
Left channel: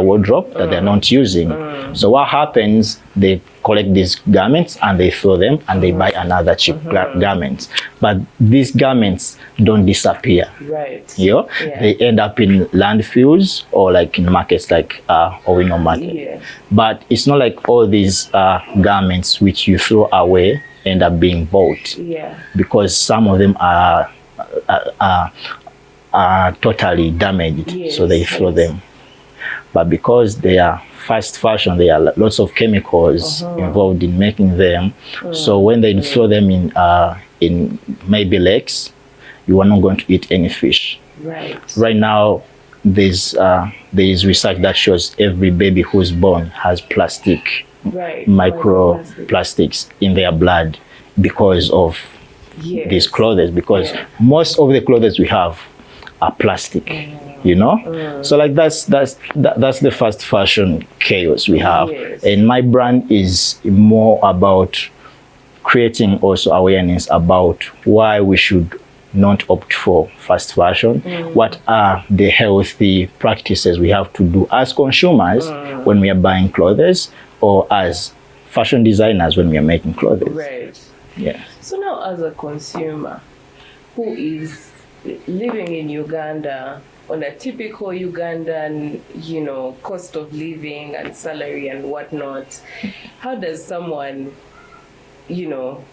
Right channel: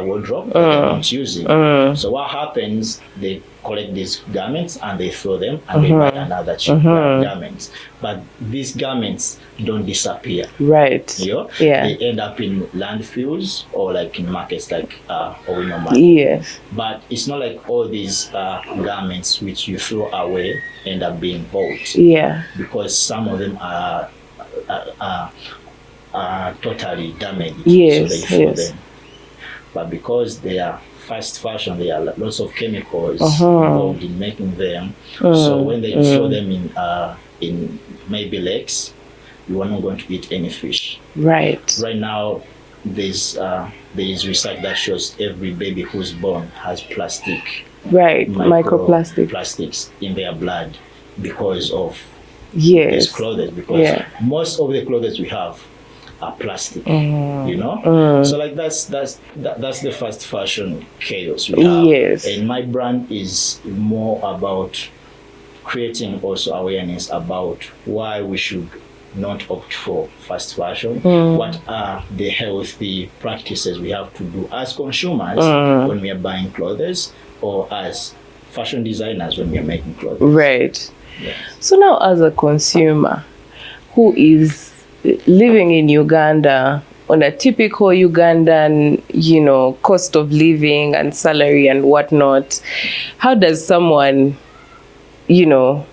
wardrobe that they're not using. So what happens? They collect these garments and they throw them and they buy another cheap garments. But these garments don't disappear. Right. You know? Yeah. They end up in landfills or like in markets like Owino market. Yes. But it's not like all these garments which you throw away end up being bought. Yeah. Because some of them are totally damaged. Yes. So they throw them. But because they are fast fashion, there are lots of chemicals involved in making them. So when they throw them in maybe lakes, you are not going to eat any fish. Right. Right now, there's research that shows every baby who's born has plastic, microplastics in their blood because of these clothes. Because most of the clothes we have are plastic, you know. So like that's the fast fashion chaos we have. Yes. And my brand is more about creating also awareness about why we should not opt for fast fashion. What are the healthy practices we have to do as consumers when we are buying clothes, or as fashion designers when we are making clothes. Right. Yeah. So now, as a consumer who is living in Uganda on a typical Ugandan, you know, cost of living and salary and whatnot, how does someone, you know,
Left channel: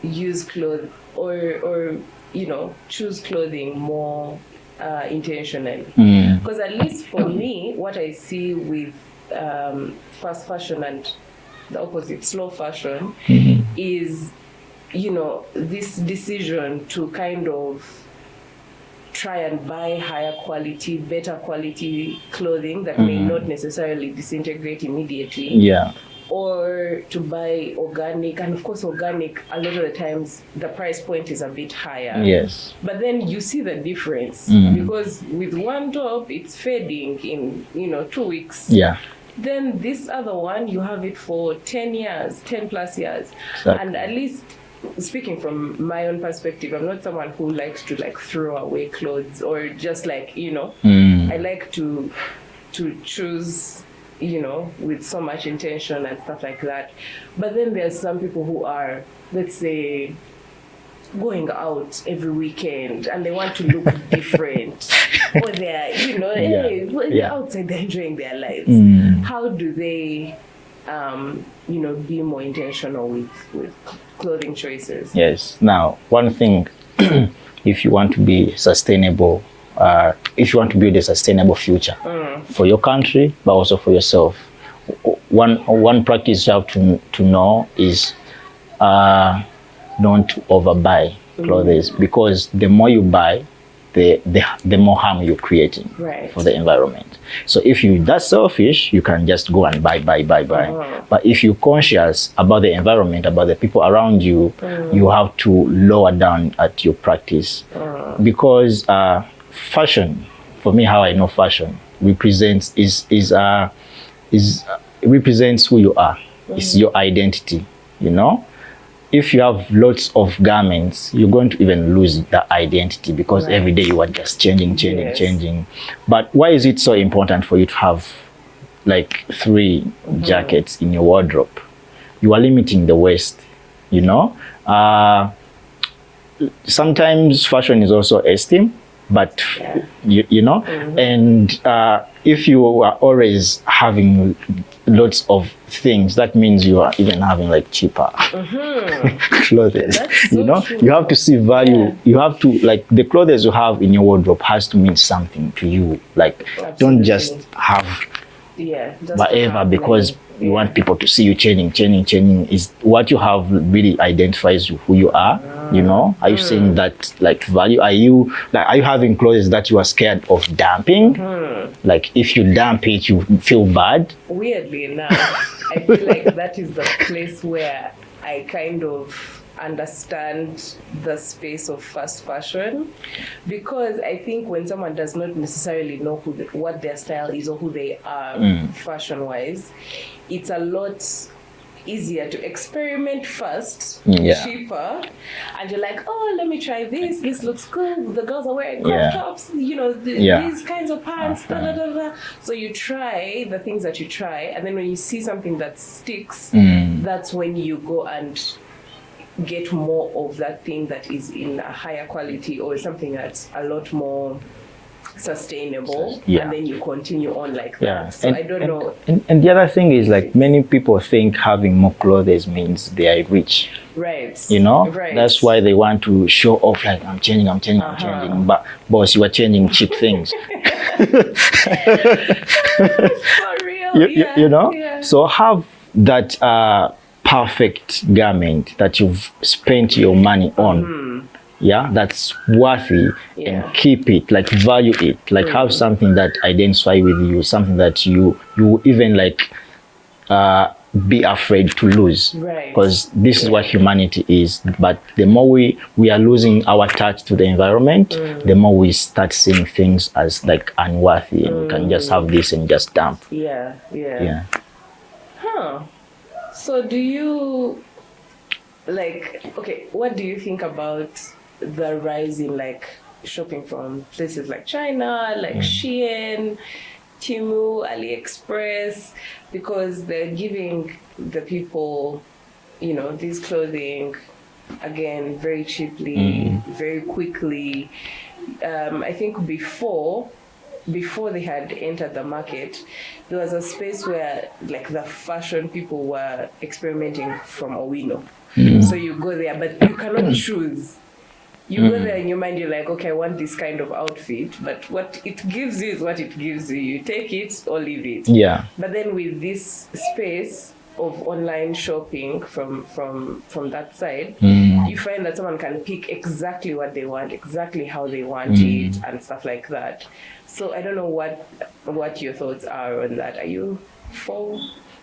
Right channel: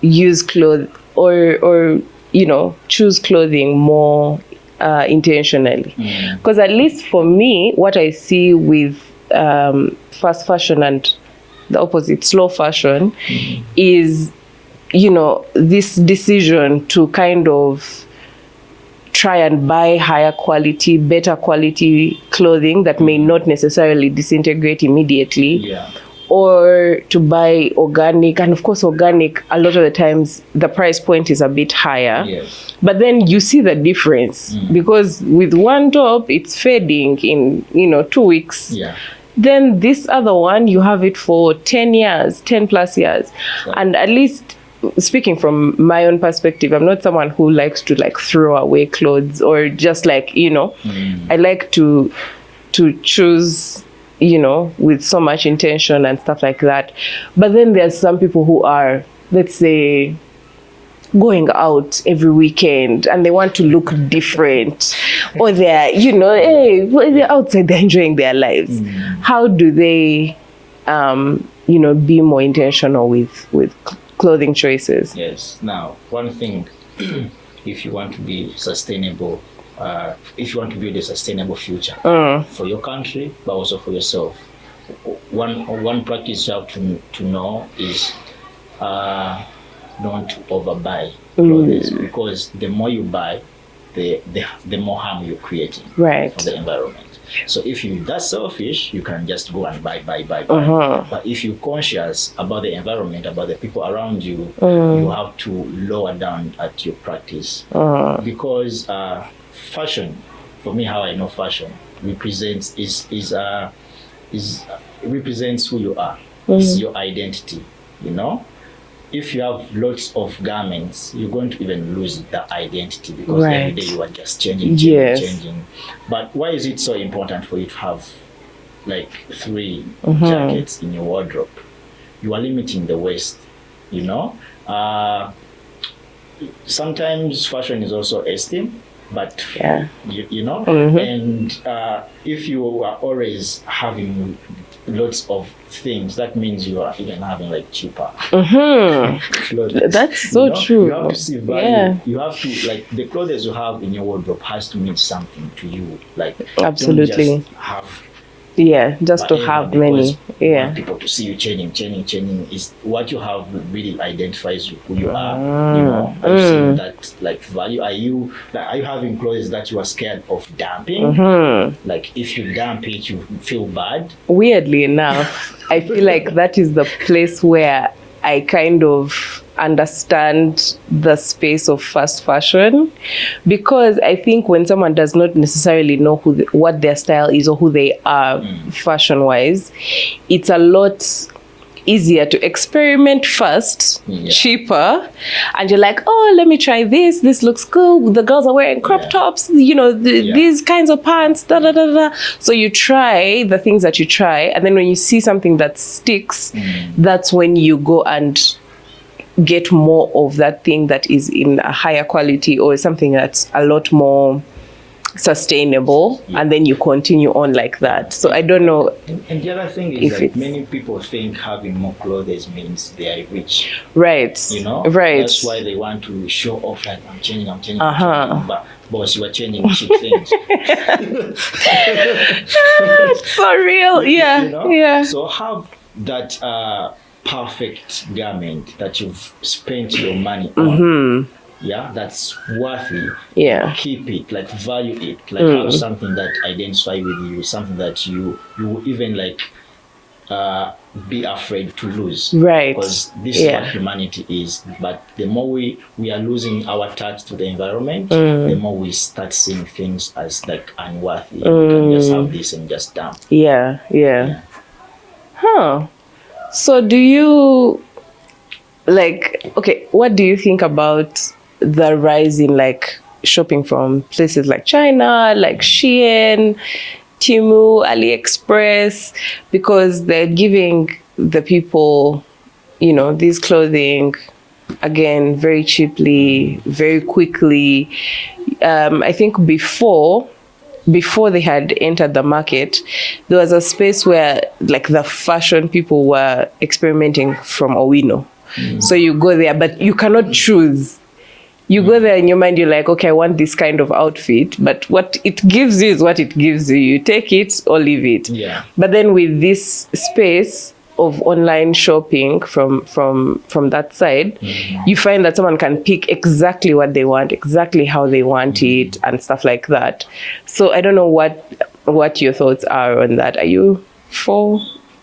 use clothes or you know, choose clothing more intentionally? Because at least for me, what I see with fast fashion and the opposite, slow fashion, is, you know, this decision to kind of try and buy higher quality, better quality clothing that may not necessarily disintegrate immediately. Yeah. Or to buy organic, and of course organic, a lot of the times the price point is a bit higher. Yes. But then you see the difference, because with one top it's fading in, you know, 2 weeks. Yeah. Then this other one, you have it for 10 years, 10 plus years. Exactly. And at least, speaking from my own perspective, I'm not someone who likes to like throw away clothes or just like, you know, I like to choose, you know, with so much intention and stuff like that. But then there's some people who are, let's say, going out every weekend and they want to look different, or they're, you know, they're outside, they're enjoying their lives. How do they, you know, be more intentional with clothing choices? Yes. Now, one thing, if you want to be sustainable, if you want to build a sustainable future for your country, but also for yourself, one practice you have to know is not to overbuy clothes, because the more you buy, the more harm you're creating for the environment. So if you're that selfish, you can just go and buy. But if you're conscious about the environment, about the people around you, you have to lower down at your practice. Because fashion, for me, how I know fashion represents represents who you are. It's your identity, you know. if you have lots of garments, you're going to even lose the identity, because Right. every day you are just changing. Yes. But why is it so important for you to have like 3 jackets in your wardrobe? You are limiting the waste, you know. Sometimes fashion is also esteem, but you know, and if you are always having lots of things, that means you are even having like cheaper clothes. That's so you know? true. You have to see value. Yeah. You have to, like, the clothes you have in your wardrobe has to mean something to you. Like, Absolutely. don't just have just to whatever have because many. you want people to see you changing. Is what you have really identifies who you are. You know, are you seeing that like value? Are you having clothes that you are scared of dumping? Like, if you dump it, you feel bad. Weirdly enough, I feel like that is the place where I kind of understand the space of fast fashion, because I think when someone does not necessarily know what their style is or who they are fashion wise, it's a lot easier to experiment first, cheaper, and you're like, oh, let me try this looks cool, the girls are wearing crop tops, you know, these kinds of pants, so you try the things that you try, and then when you see something that sticks, that's when you go and get more of that thing that is in a higher quality or something that's a lot more sustainable, and then you continue on like that. So I don't know. And the other thing is, like, many people think having more clothes means they are rich. Right. You know? Right. That's why they want to show off, like, I'm changing. But boss, you are changing cheap things. For real. You know? Yeah. So have that perfect garment that you've spent your money on. That's worthy. And keep it, like, value it, like have something that identify with you, something that you even like be afraid to lose, right? Because this is what humanity is. But the more we are losing our touch to the environment, the more we start seeing things as like unworthy, and we can just have this and just dump. So do you, like, okay, what do you think about the rise in like shopping from places like China, like Shein, Temu, AliExpress, because they're giving the people, you know, these clothing again very cheaply, very quickly. I think before they had entered the market, there was a space where like the fashion people were experimenting from Owino. So you go there, but you cannot choose. You go there in your mind, you're like, okay, I want this kind of outfit, but what it gives you is what it gives you. You take it or leave it. But then with this space of online shopping from that side, you find that someone can pick exactly what they want, exactly how they want it, and stuff like that. So I don't know what your thoughts are on that. Are you for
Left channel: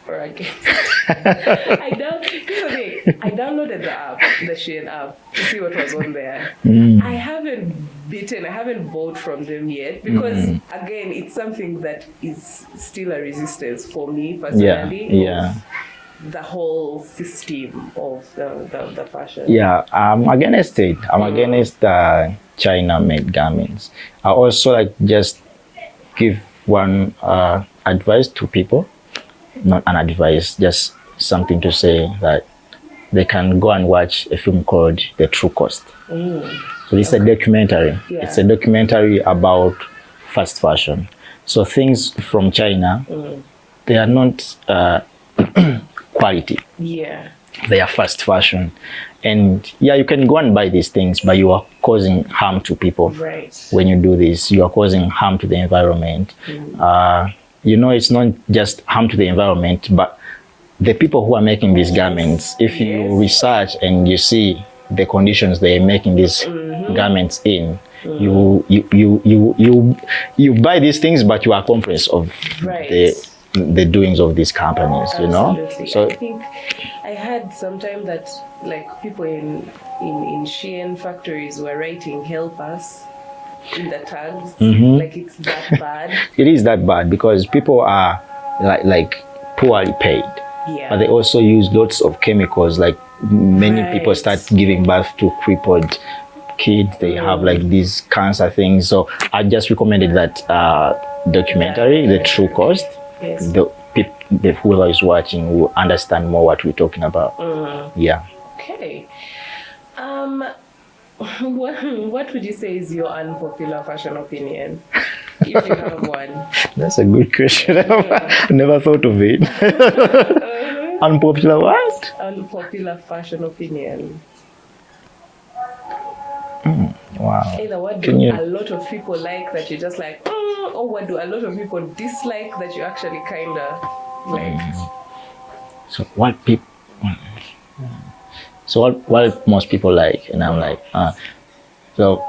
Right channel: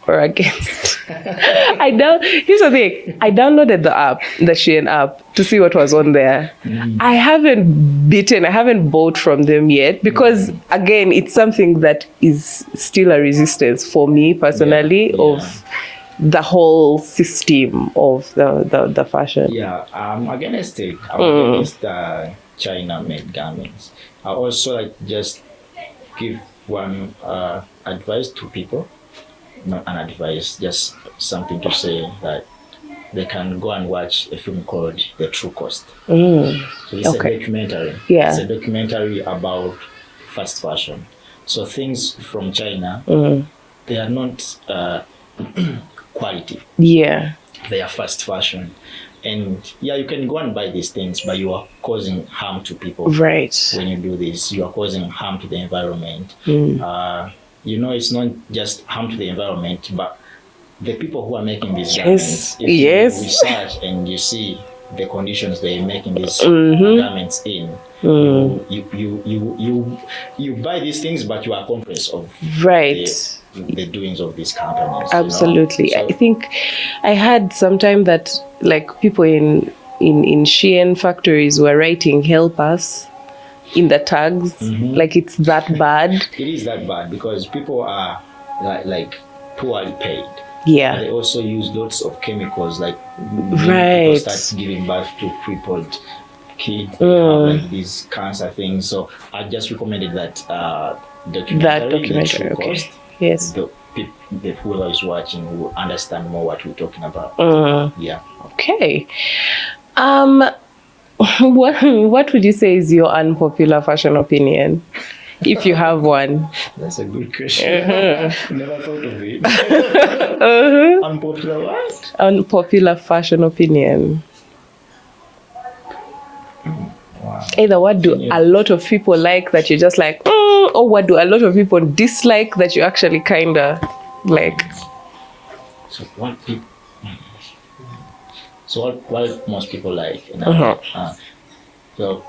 or against? Here's the thing. I downloaded the app, the Shein app, to see what was on there. I haven't bought from them yet, because again, it's something that is still a resistance for me personally of the whole system of the fashion. I'm against it. I'm against China-made garments. I also like just give one advice to people. Not an advice, just something to say that they can go and watch a film called The True Cost. So it's a documentary. It's a documentary about fast fashion. So things from China, they are not quality. They are fast fashion. And you can go and buy these things, but you are causing harm to people. Right. When you do this, you are causing harm to the environment. You know, it's not just harm to the environment, but the people who are making these garments. If you research and you see the conditions they are making these garments in, you buy these things, but you are conscious of the doings of these companies. Absolutely. You know? So, I think I heard sometime that like people in Shein factories were writing "help us" in the tags. Like, it's that bad. It is that bad because people are like poorly paid. Yeah. They also use lots of chemicals. Like many people start giving birth to crippled kids. They have like these cancer things. So I just recommended that documentary, The True Cost. Yes. The whoever is watching will understand more what we're talking about. Yeah. Okay. What would you say is your unpopular fashion opinion, if you have one? That's a good question. Never thought of it. Unpopular what? Unpopular fashion opinion. Wow. Either what do a lot of people like that you're just like, or what do a lot of people dislike that you actually kind of like? So what people... So what most people like, and I'm like, so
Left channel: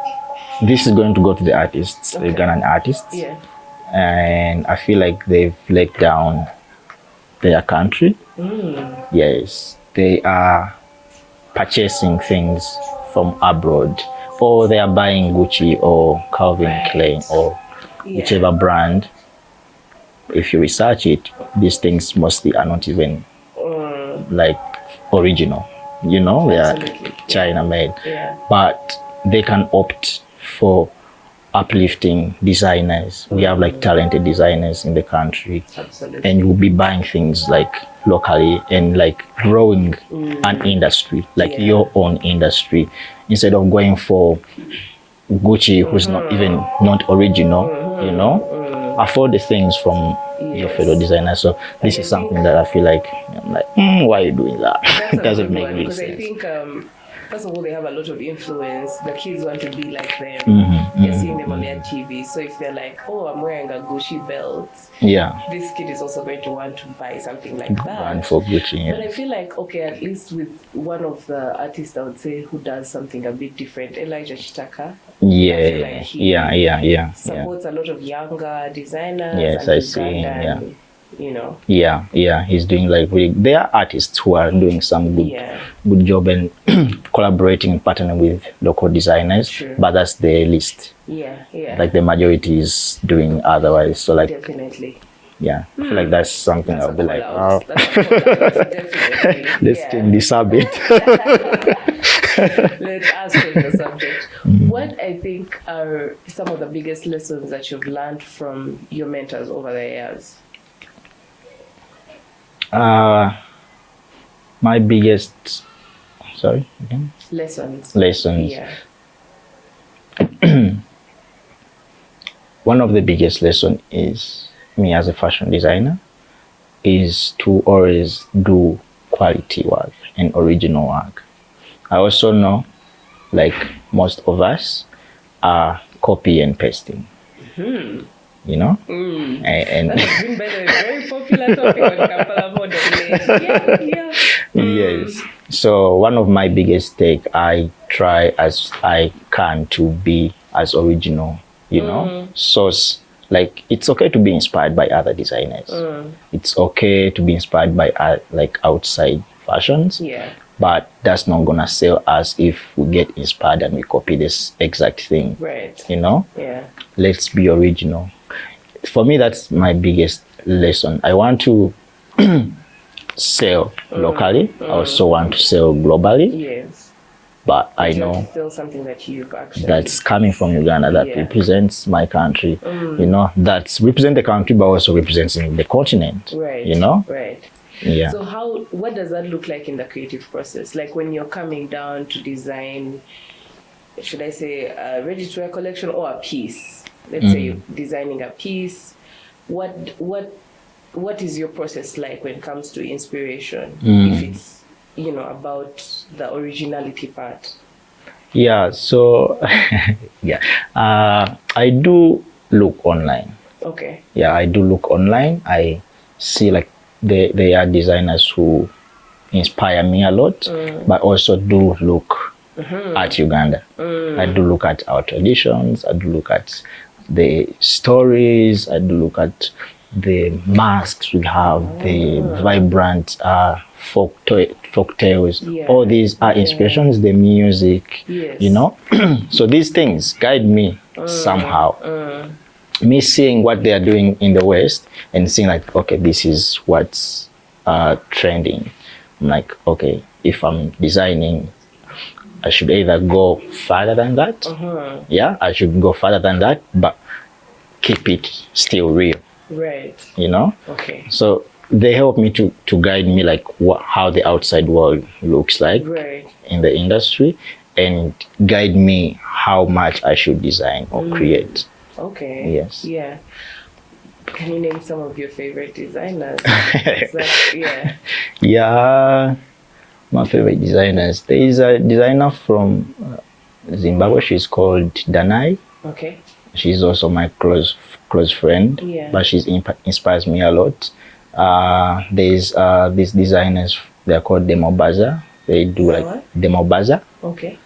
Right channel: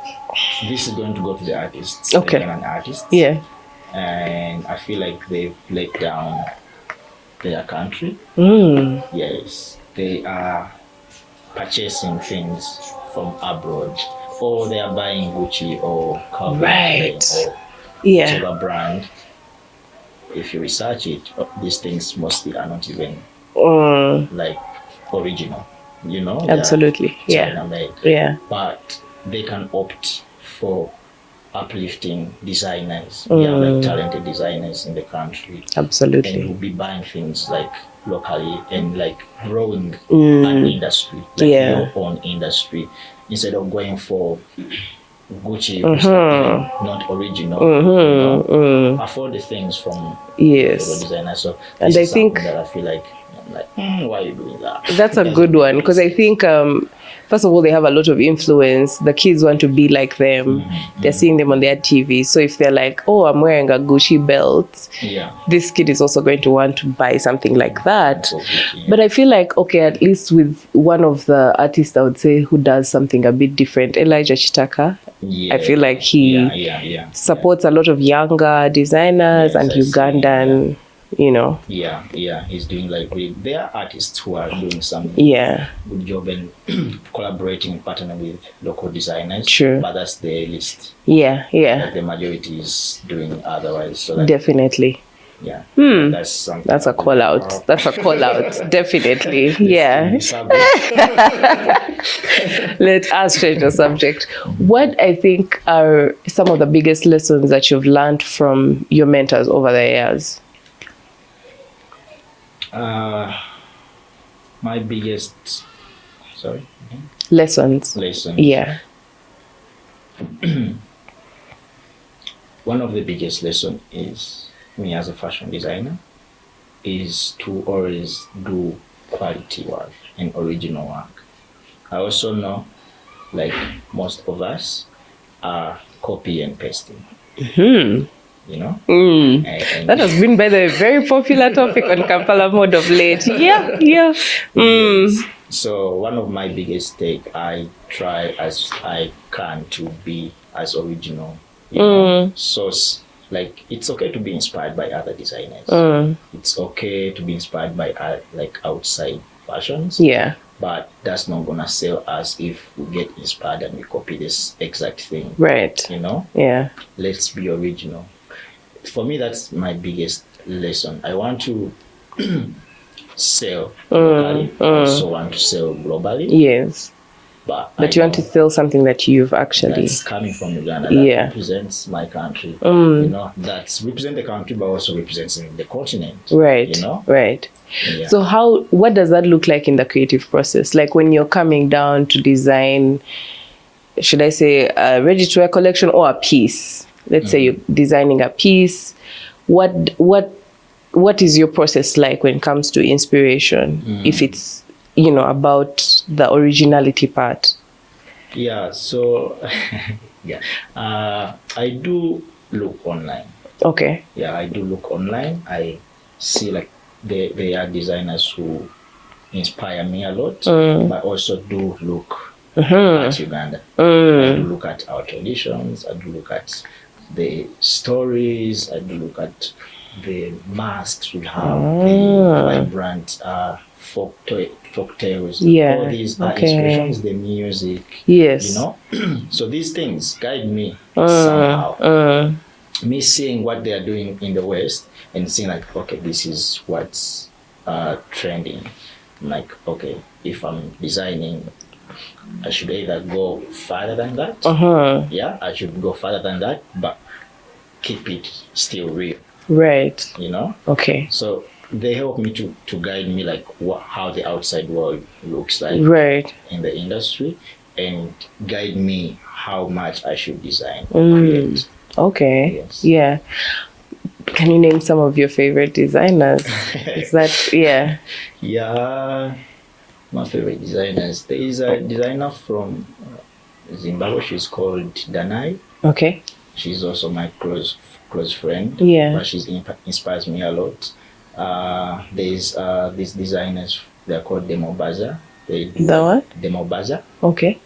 this is going to go to the artists, the Ugandan artists. Yeah. And I feel like they've let down their country. Yes, they are purchasing things from abroad, or they are buying Gucci or Calvin Klein or whichever brand. If you research it, these things mostly are not even like original. You know, absolutely China made. Yeah. But they can opt for uplifting designers. We have like talented designers in the country. Absolutely. And we'll be buying things like locally and like growing an industry, like your own industry, instead of going for Gucci, who's not even not original, you know, afford the things from your fellow designers. So this is something that I feel like, I'm like, why are you doing that? That's a good one, because I think, first of all, they have a lot of influence. The kids want to be like them. They're seeing them on their TV. So if they're like, oh, I'm wearing a Gucci belt, this kid is also going to want to buy something like that. Gucci, but I feel like, okay, at least with one of the artists, I would say, who does something a bit different, Elijah Chitaka. I feel like he supports a lot of younger designers and Ugandan, you know. He's doing like really, there are artists who are doing some good job and collaborating, partnering with local designers. But that's the least. Like the majority is doing otherwise. So like definitely. Like that's something. That's a call out. That's a call out. Definitely. Let us change the subject. What I think are some of the biggest lessons that you've learned from your mentors over the years? My biggest, lessons. Yeah. One of the biggest lessons is me as a fashion designer is to always do quality work and original work. I also know, like most of us, are copy and pasting. You know? And that has been, by the way, a very popular topic on Kampala Mode of late. Yes. So one of my biggest take, I try as I can to be as original, you know? So like, it's okay to be inspired by other designers. It's okay to be inspired by like outside fashions. But that's not gonna sell us if we get inspired and we copy this exact thing. You know? Let's be original. For me, that's my biggest lesson. I want to sell locally. I also want to sell globally. But you want to sell something that you've actually... That's coming from Uganda, that represents my country. You know, that's represent the country, but also representing the continent. You know? So what does that look like in the creative process? Like when you're coming down to design, should I say a ready-to-wear collection or a piece? Let's say you're designing a piece. What is your process like when it comes to inspiration? If it's, you know, about the originality part. So I do look online. I do look online. I see like there are designers who inspire me a lot, but also do look at Uganda. I do look at our traditions. I do look at the stories. I do look at the masks we have, the vibrant folk tales. All these are inspirations, the music, you know. So these things guide me somehow. Me seeing what they are doing in the West and seeing like, okay, this is what's trending. I'm like, okay, if I'm designing, I should either go further than that. Yeah, I should go further than that, but keep it still real. Right. You know? Okay. So they help me to guide me like how the outside world looks like Right. in the industry, and guide me how much I should design or create. Okay. Yes. Yeah. Can you name some of your favorite designers? Is that, yeah. Yeah, my favorite designers. There is a designer from Zimbabwe. She's called Danai. Okay. She's also my close friend. Yeah. But she's inspires me a lot. There's these designers. They're called Demobaza. They do like Demobaza. Okay.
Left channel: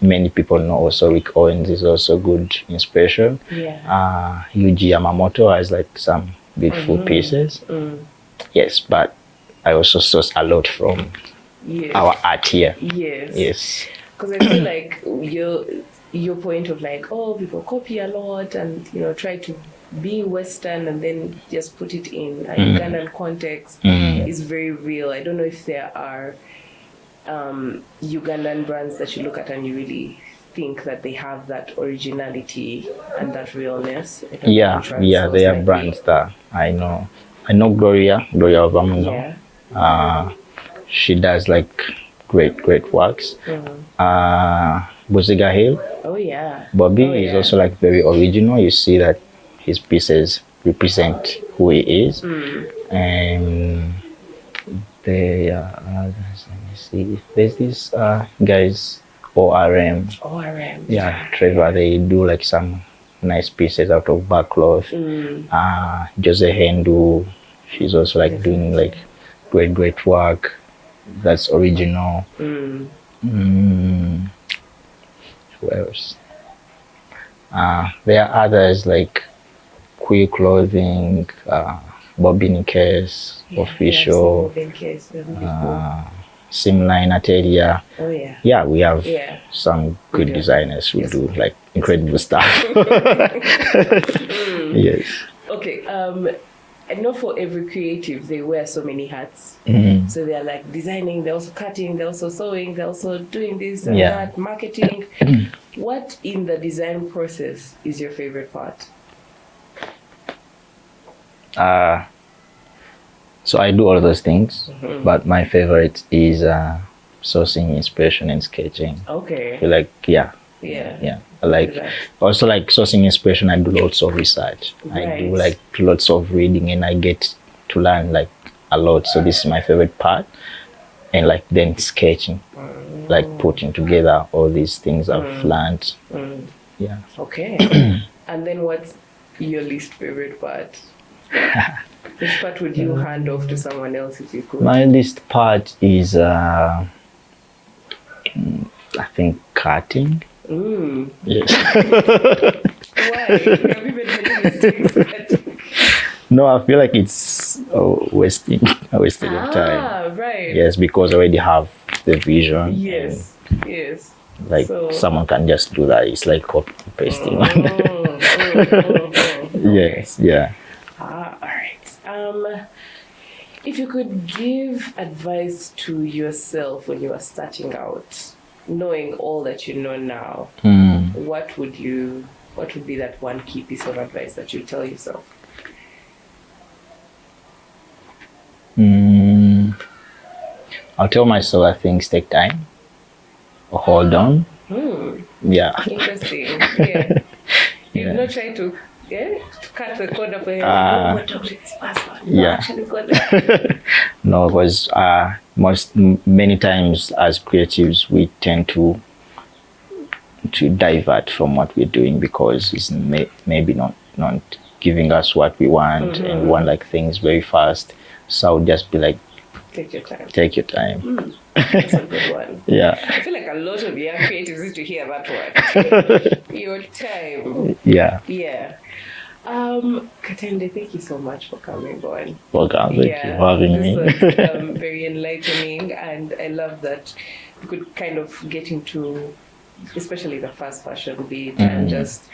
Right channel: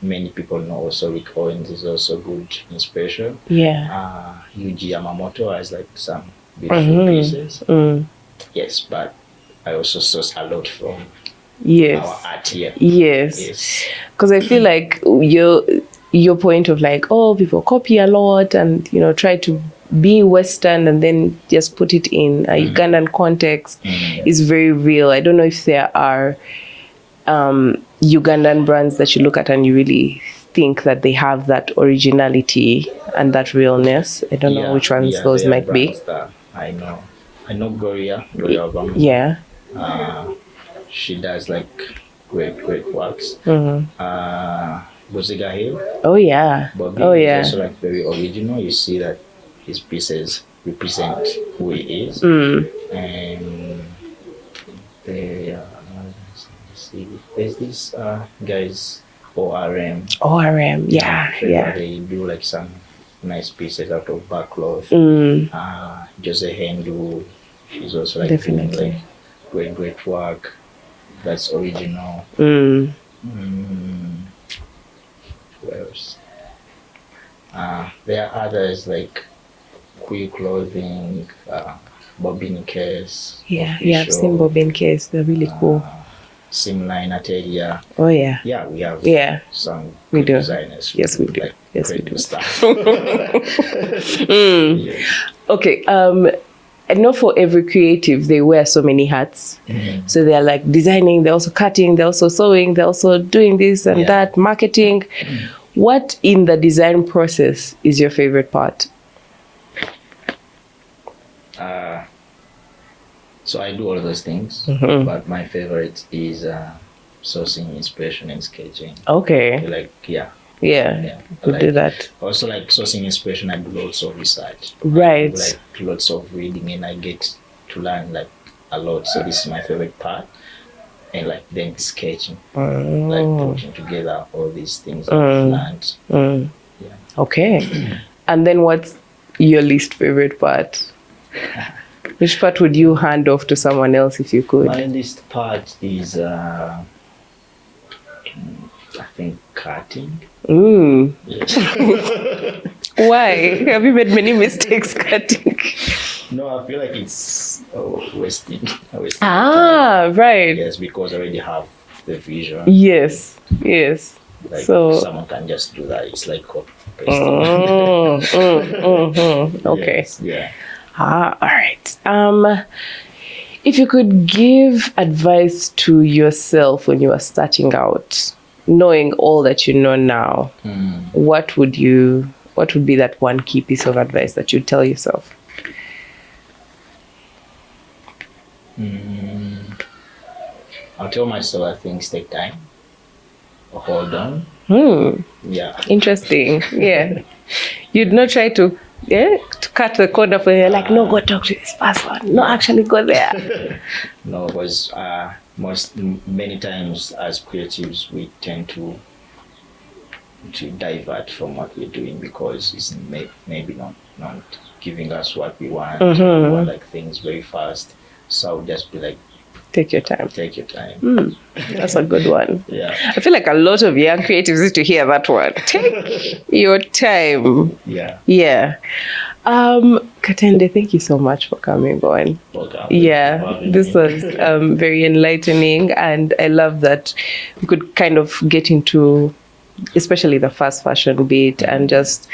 Many people know also Rick Owens is also good inspiration. Yeah. Yuji Yamamoto has like some beautiful pieces. Yes, but I also source a lot from our art here. Yes. Because I feel like your point of like, oh, people copy a lot and, you know, try to be Western and then just put it in a Ugandan context is very real. I don't know if there are Ugandan brands that you look at and you really think that they have that originality and that realness. I don't know which ones those might be. That I know Gloria Obama. Yeah. She does like great works. Buziga Hill. Oh yeah. Bobby is also like very original. You see that his pieces represent who he is. And they let me see. There's these guys ORM. Yeah. They do like some nice pieces out of Barkcloth. Jose Hendu, she's also like doing like great work that's original. Who else? There are others like Queer Clothing, Bobbin Case, Official. Official. Yeah, I've seen Bobbin Case. They're really cool. Simline Atelia. Oh yeah. Yeah, we have some good designers who do like incredible stuff. Yes. Okay. I know for every creative they wear so many hats. So they're like designing, they're also cutting, they're also sewing, they're also doing this and that, marketing. What in the design process is your favorite part? So I do all those things, but my favorite is sourcing inspiration and sketching. Okay. I feel like I like do that. Also like sourcing inspiration. I do lots of research. Right. I do like lots of reading, and I get to learn like a lot. So this is my favorite part. And like then sketching, like putting together all these things I've learned. Yeah. Okay. And then what's your least favorite part? Which part would you hand off to someone else if you could? My least part is, I think, cutting. Yes. Why? Have you made many mistakes cutting? No, I feel like it's wasting time. Right. Yes, because I already have the vision. Yes. Like someone can just do that. It's like copy pasting. Okay. Yes, yeah. All right. If you could give advice to yourself when you were starting out, knowing all that you know now, what would be that one key piece of advice that you'd tell yourself? I'll tell myself, I think, take time or hold on. Yeah. Interesting. Yeah. You'd not try to cut the corner for you. Like, no, go talk to this person. No, actually go there. No, because many times as creatives, we tend to divert from what we're doing because it's maybe not giving us what we want. And we want like things very fast. So I would just be like, take your time. That's a good one. Yeah. I feel like a lot of young creatives need to hear that one. Take your time. Yeah. Katende, thank you so much for coming on. Welcome. This was very enlightening, and I love that we could kind of get into especially the fast fashion bit and just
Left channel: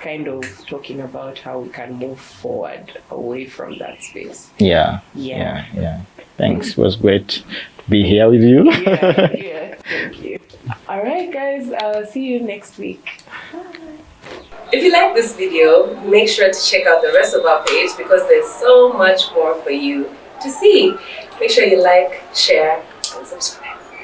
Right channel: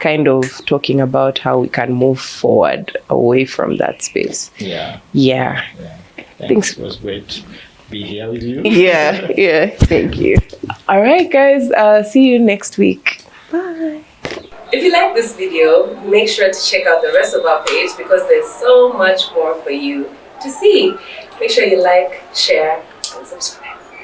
kind of talking about how we can move forward away from that space. Yeah. Thanks. It was great to be here with you. Yeah. Thank you. All right, guys. See you next week. Bye. If you like this video, make sure to check out the rest of our page because there's so much more for you to see. Make sure you like, share, and subscribe.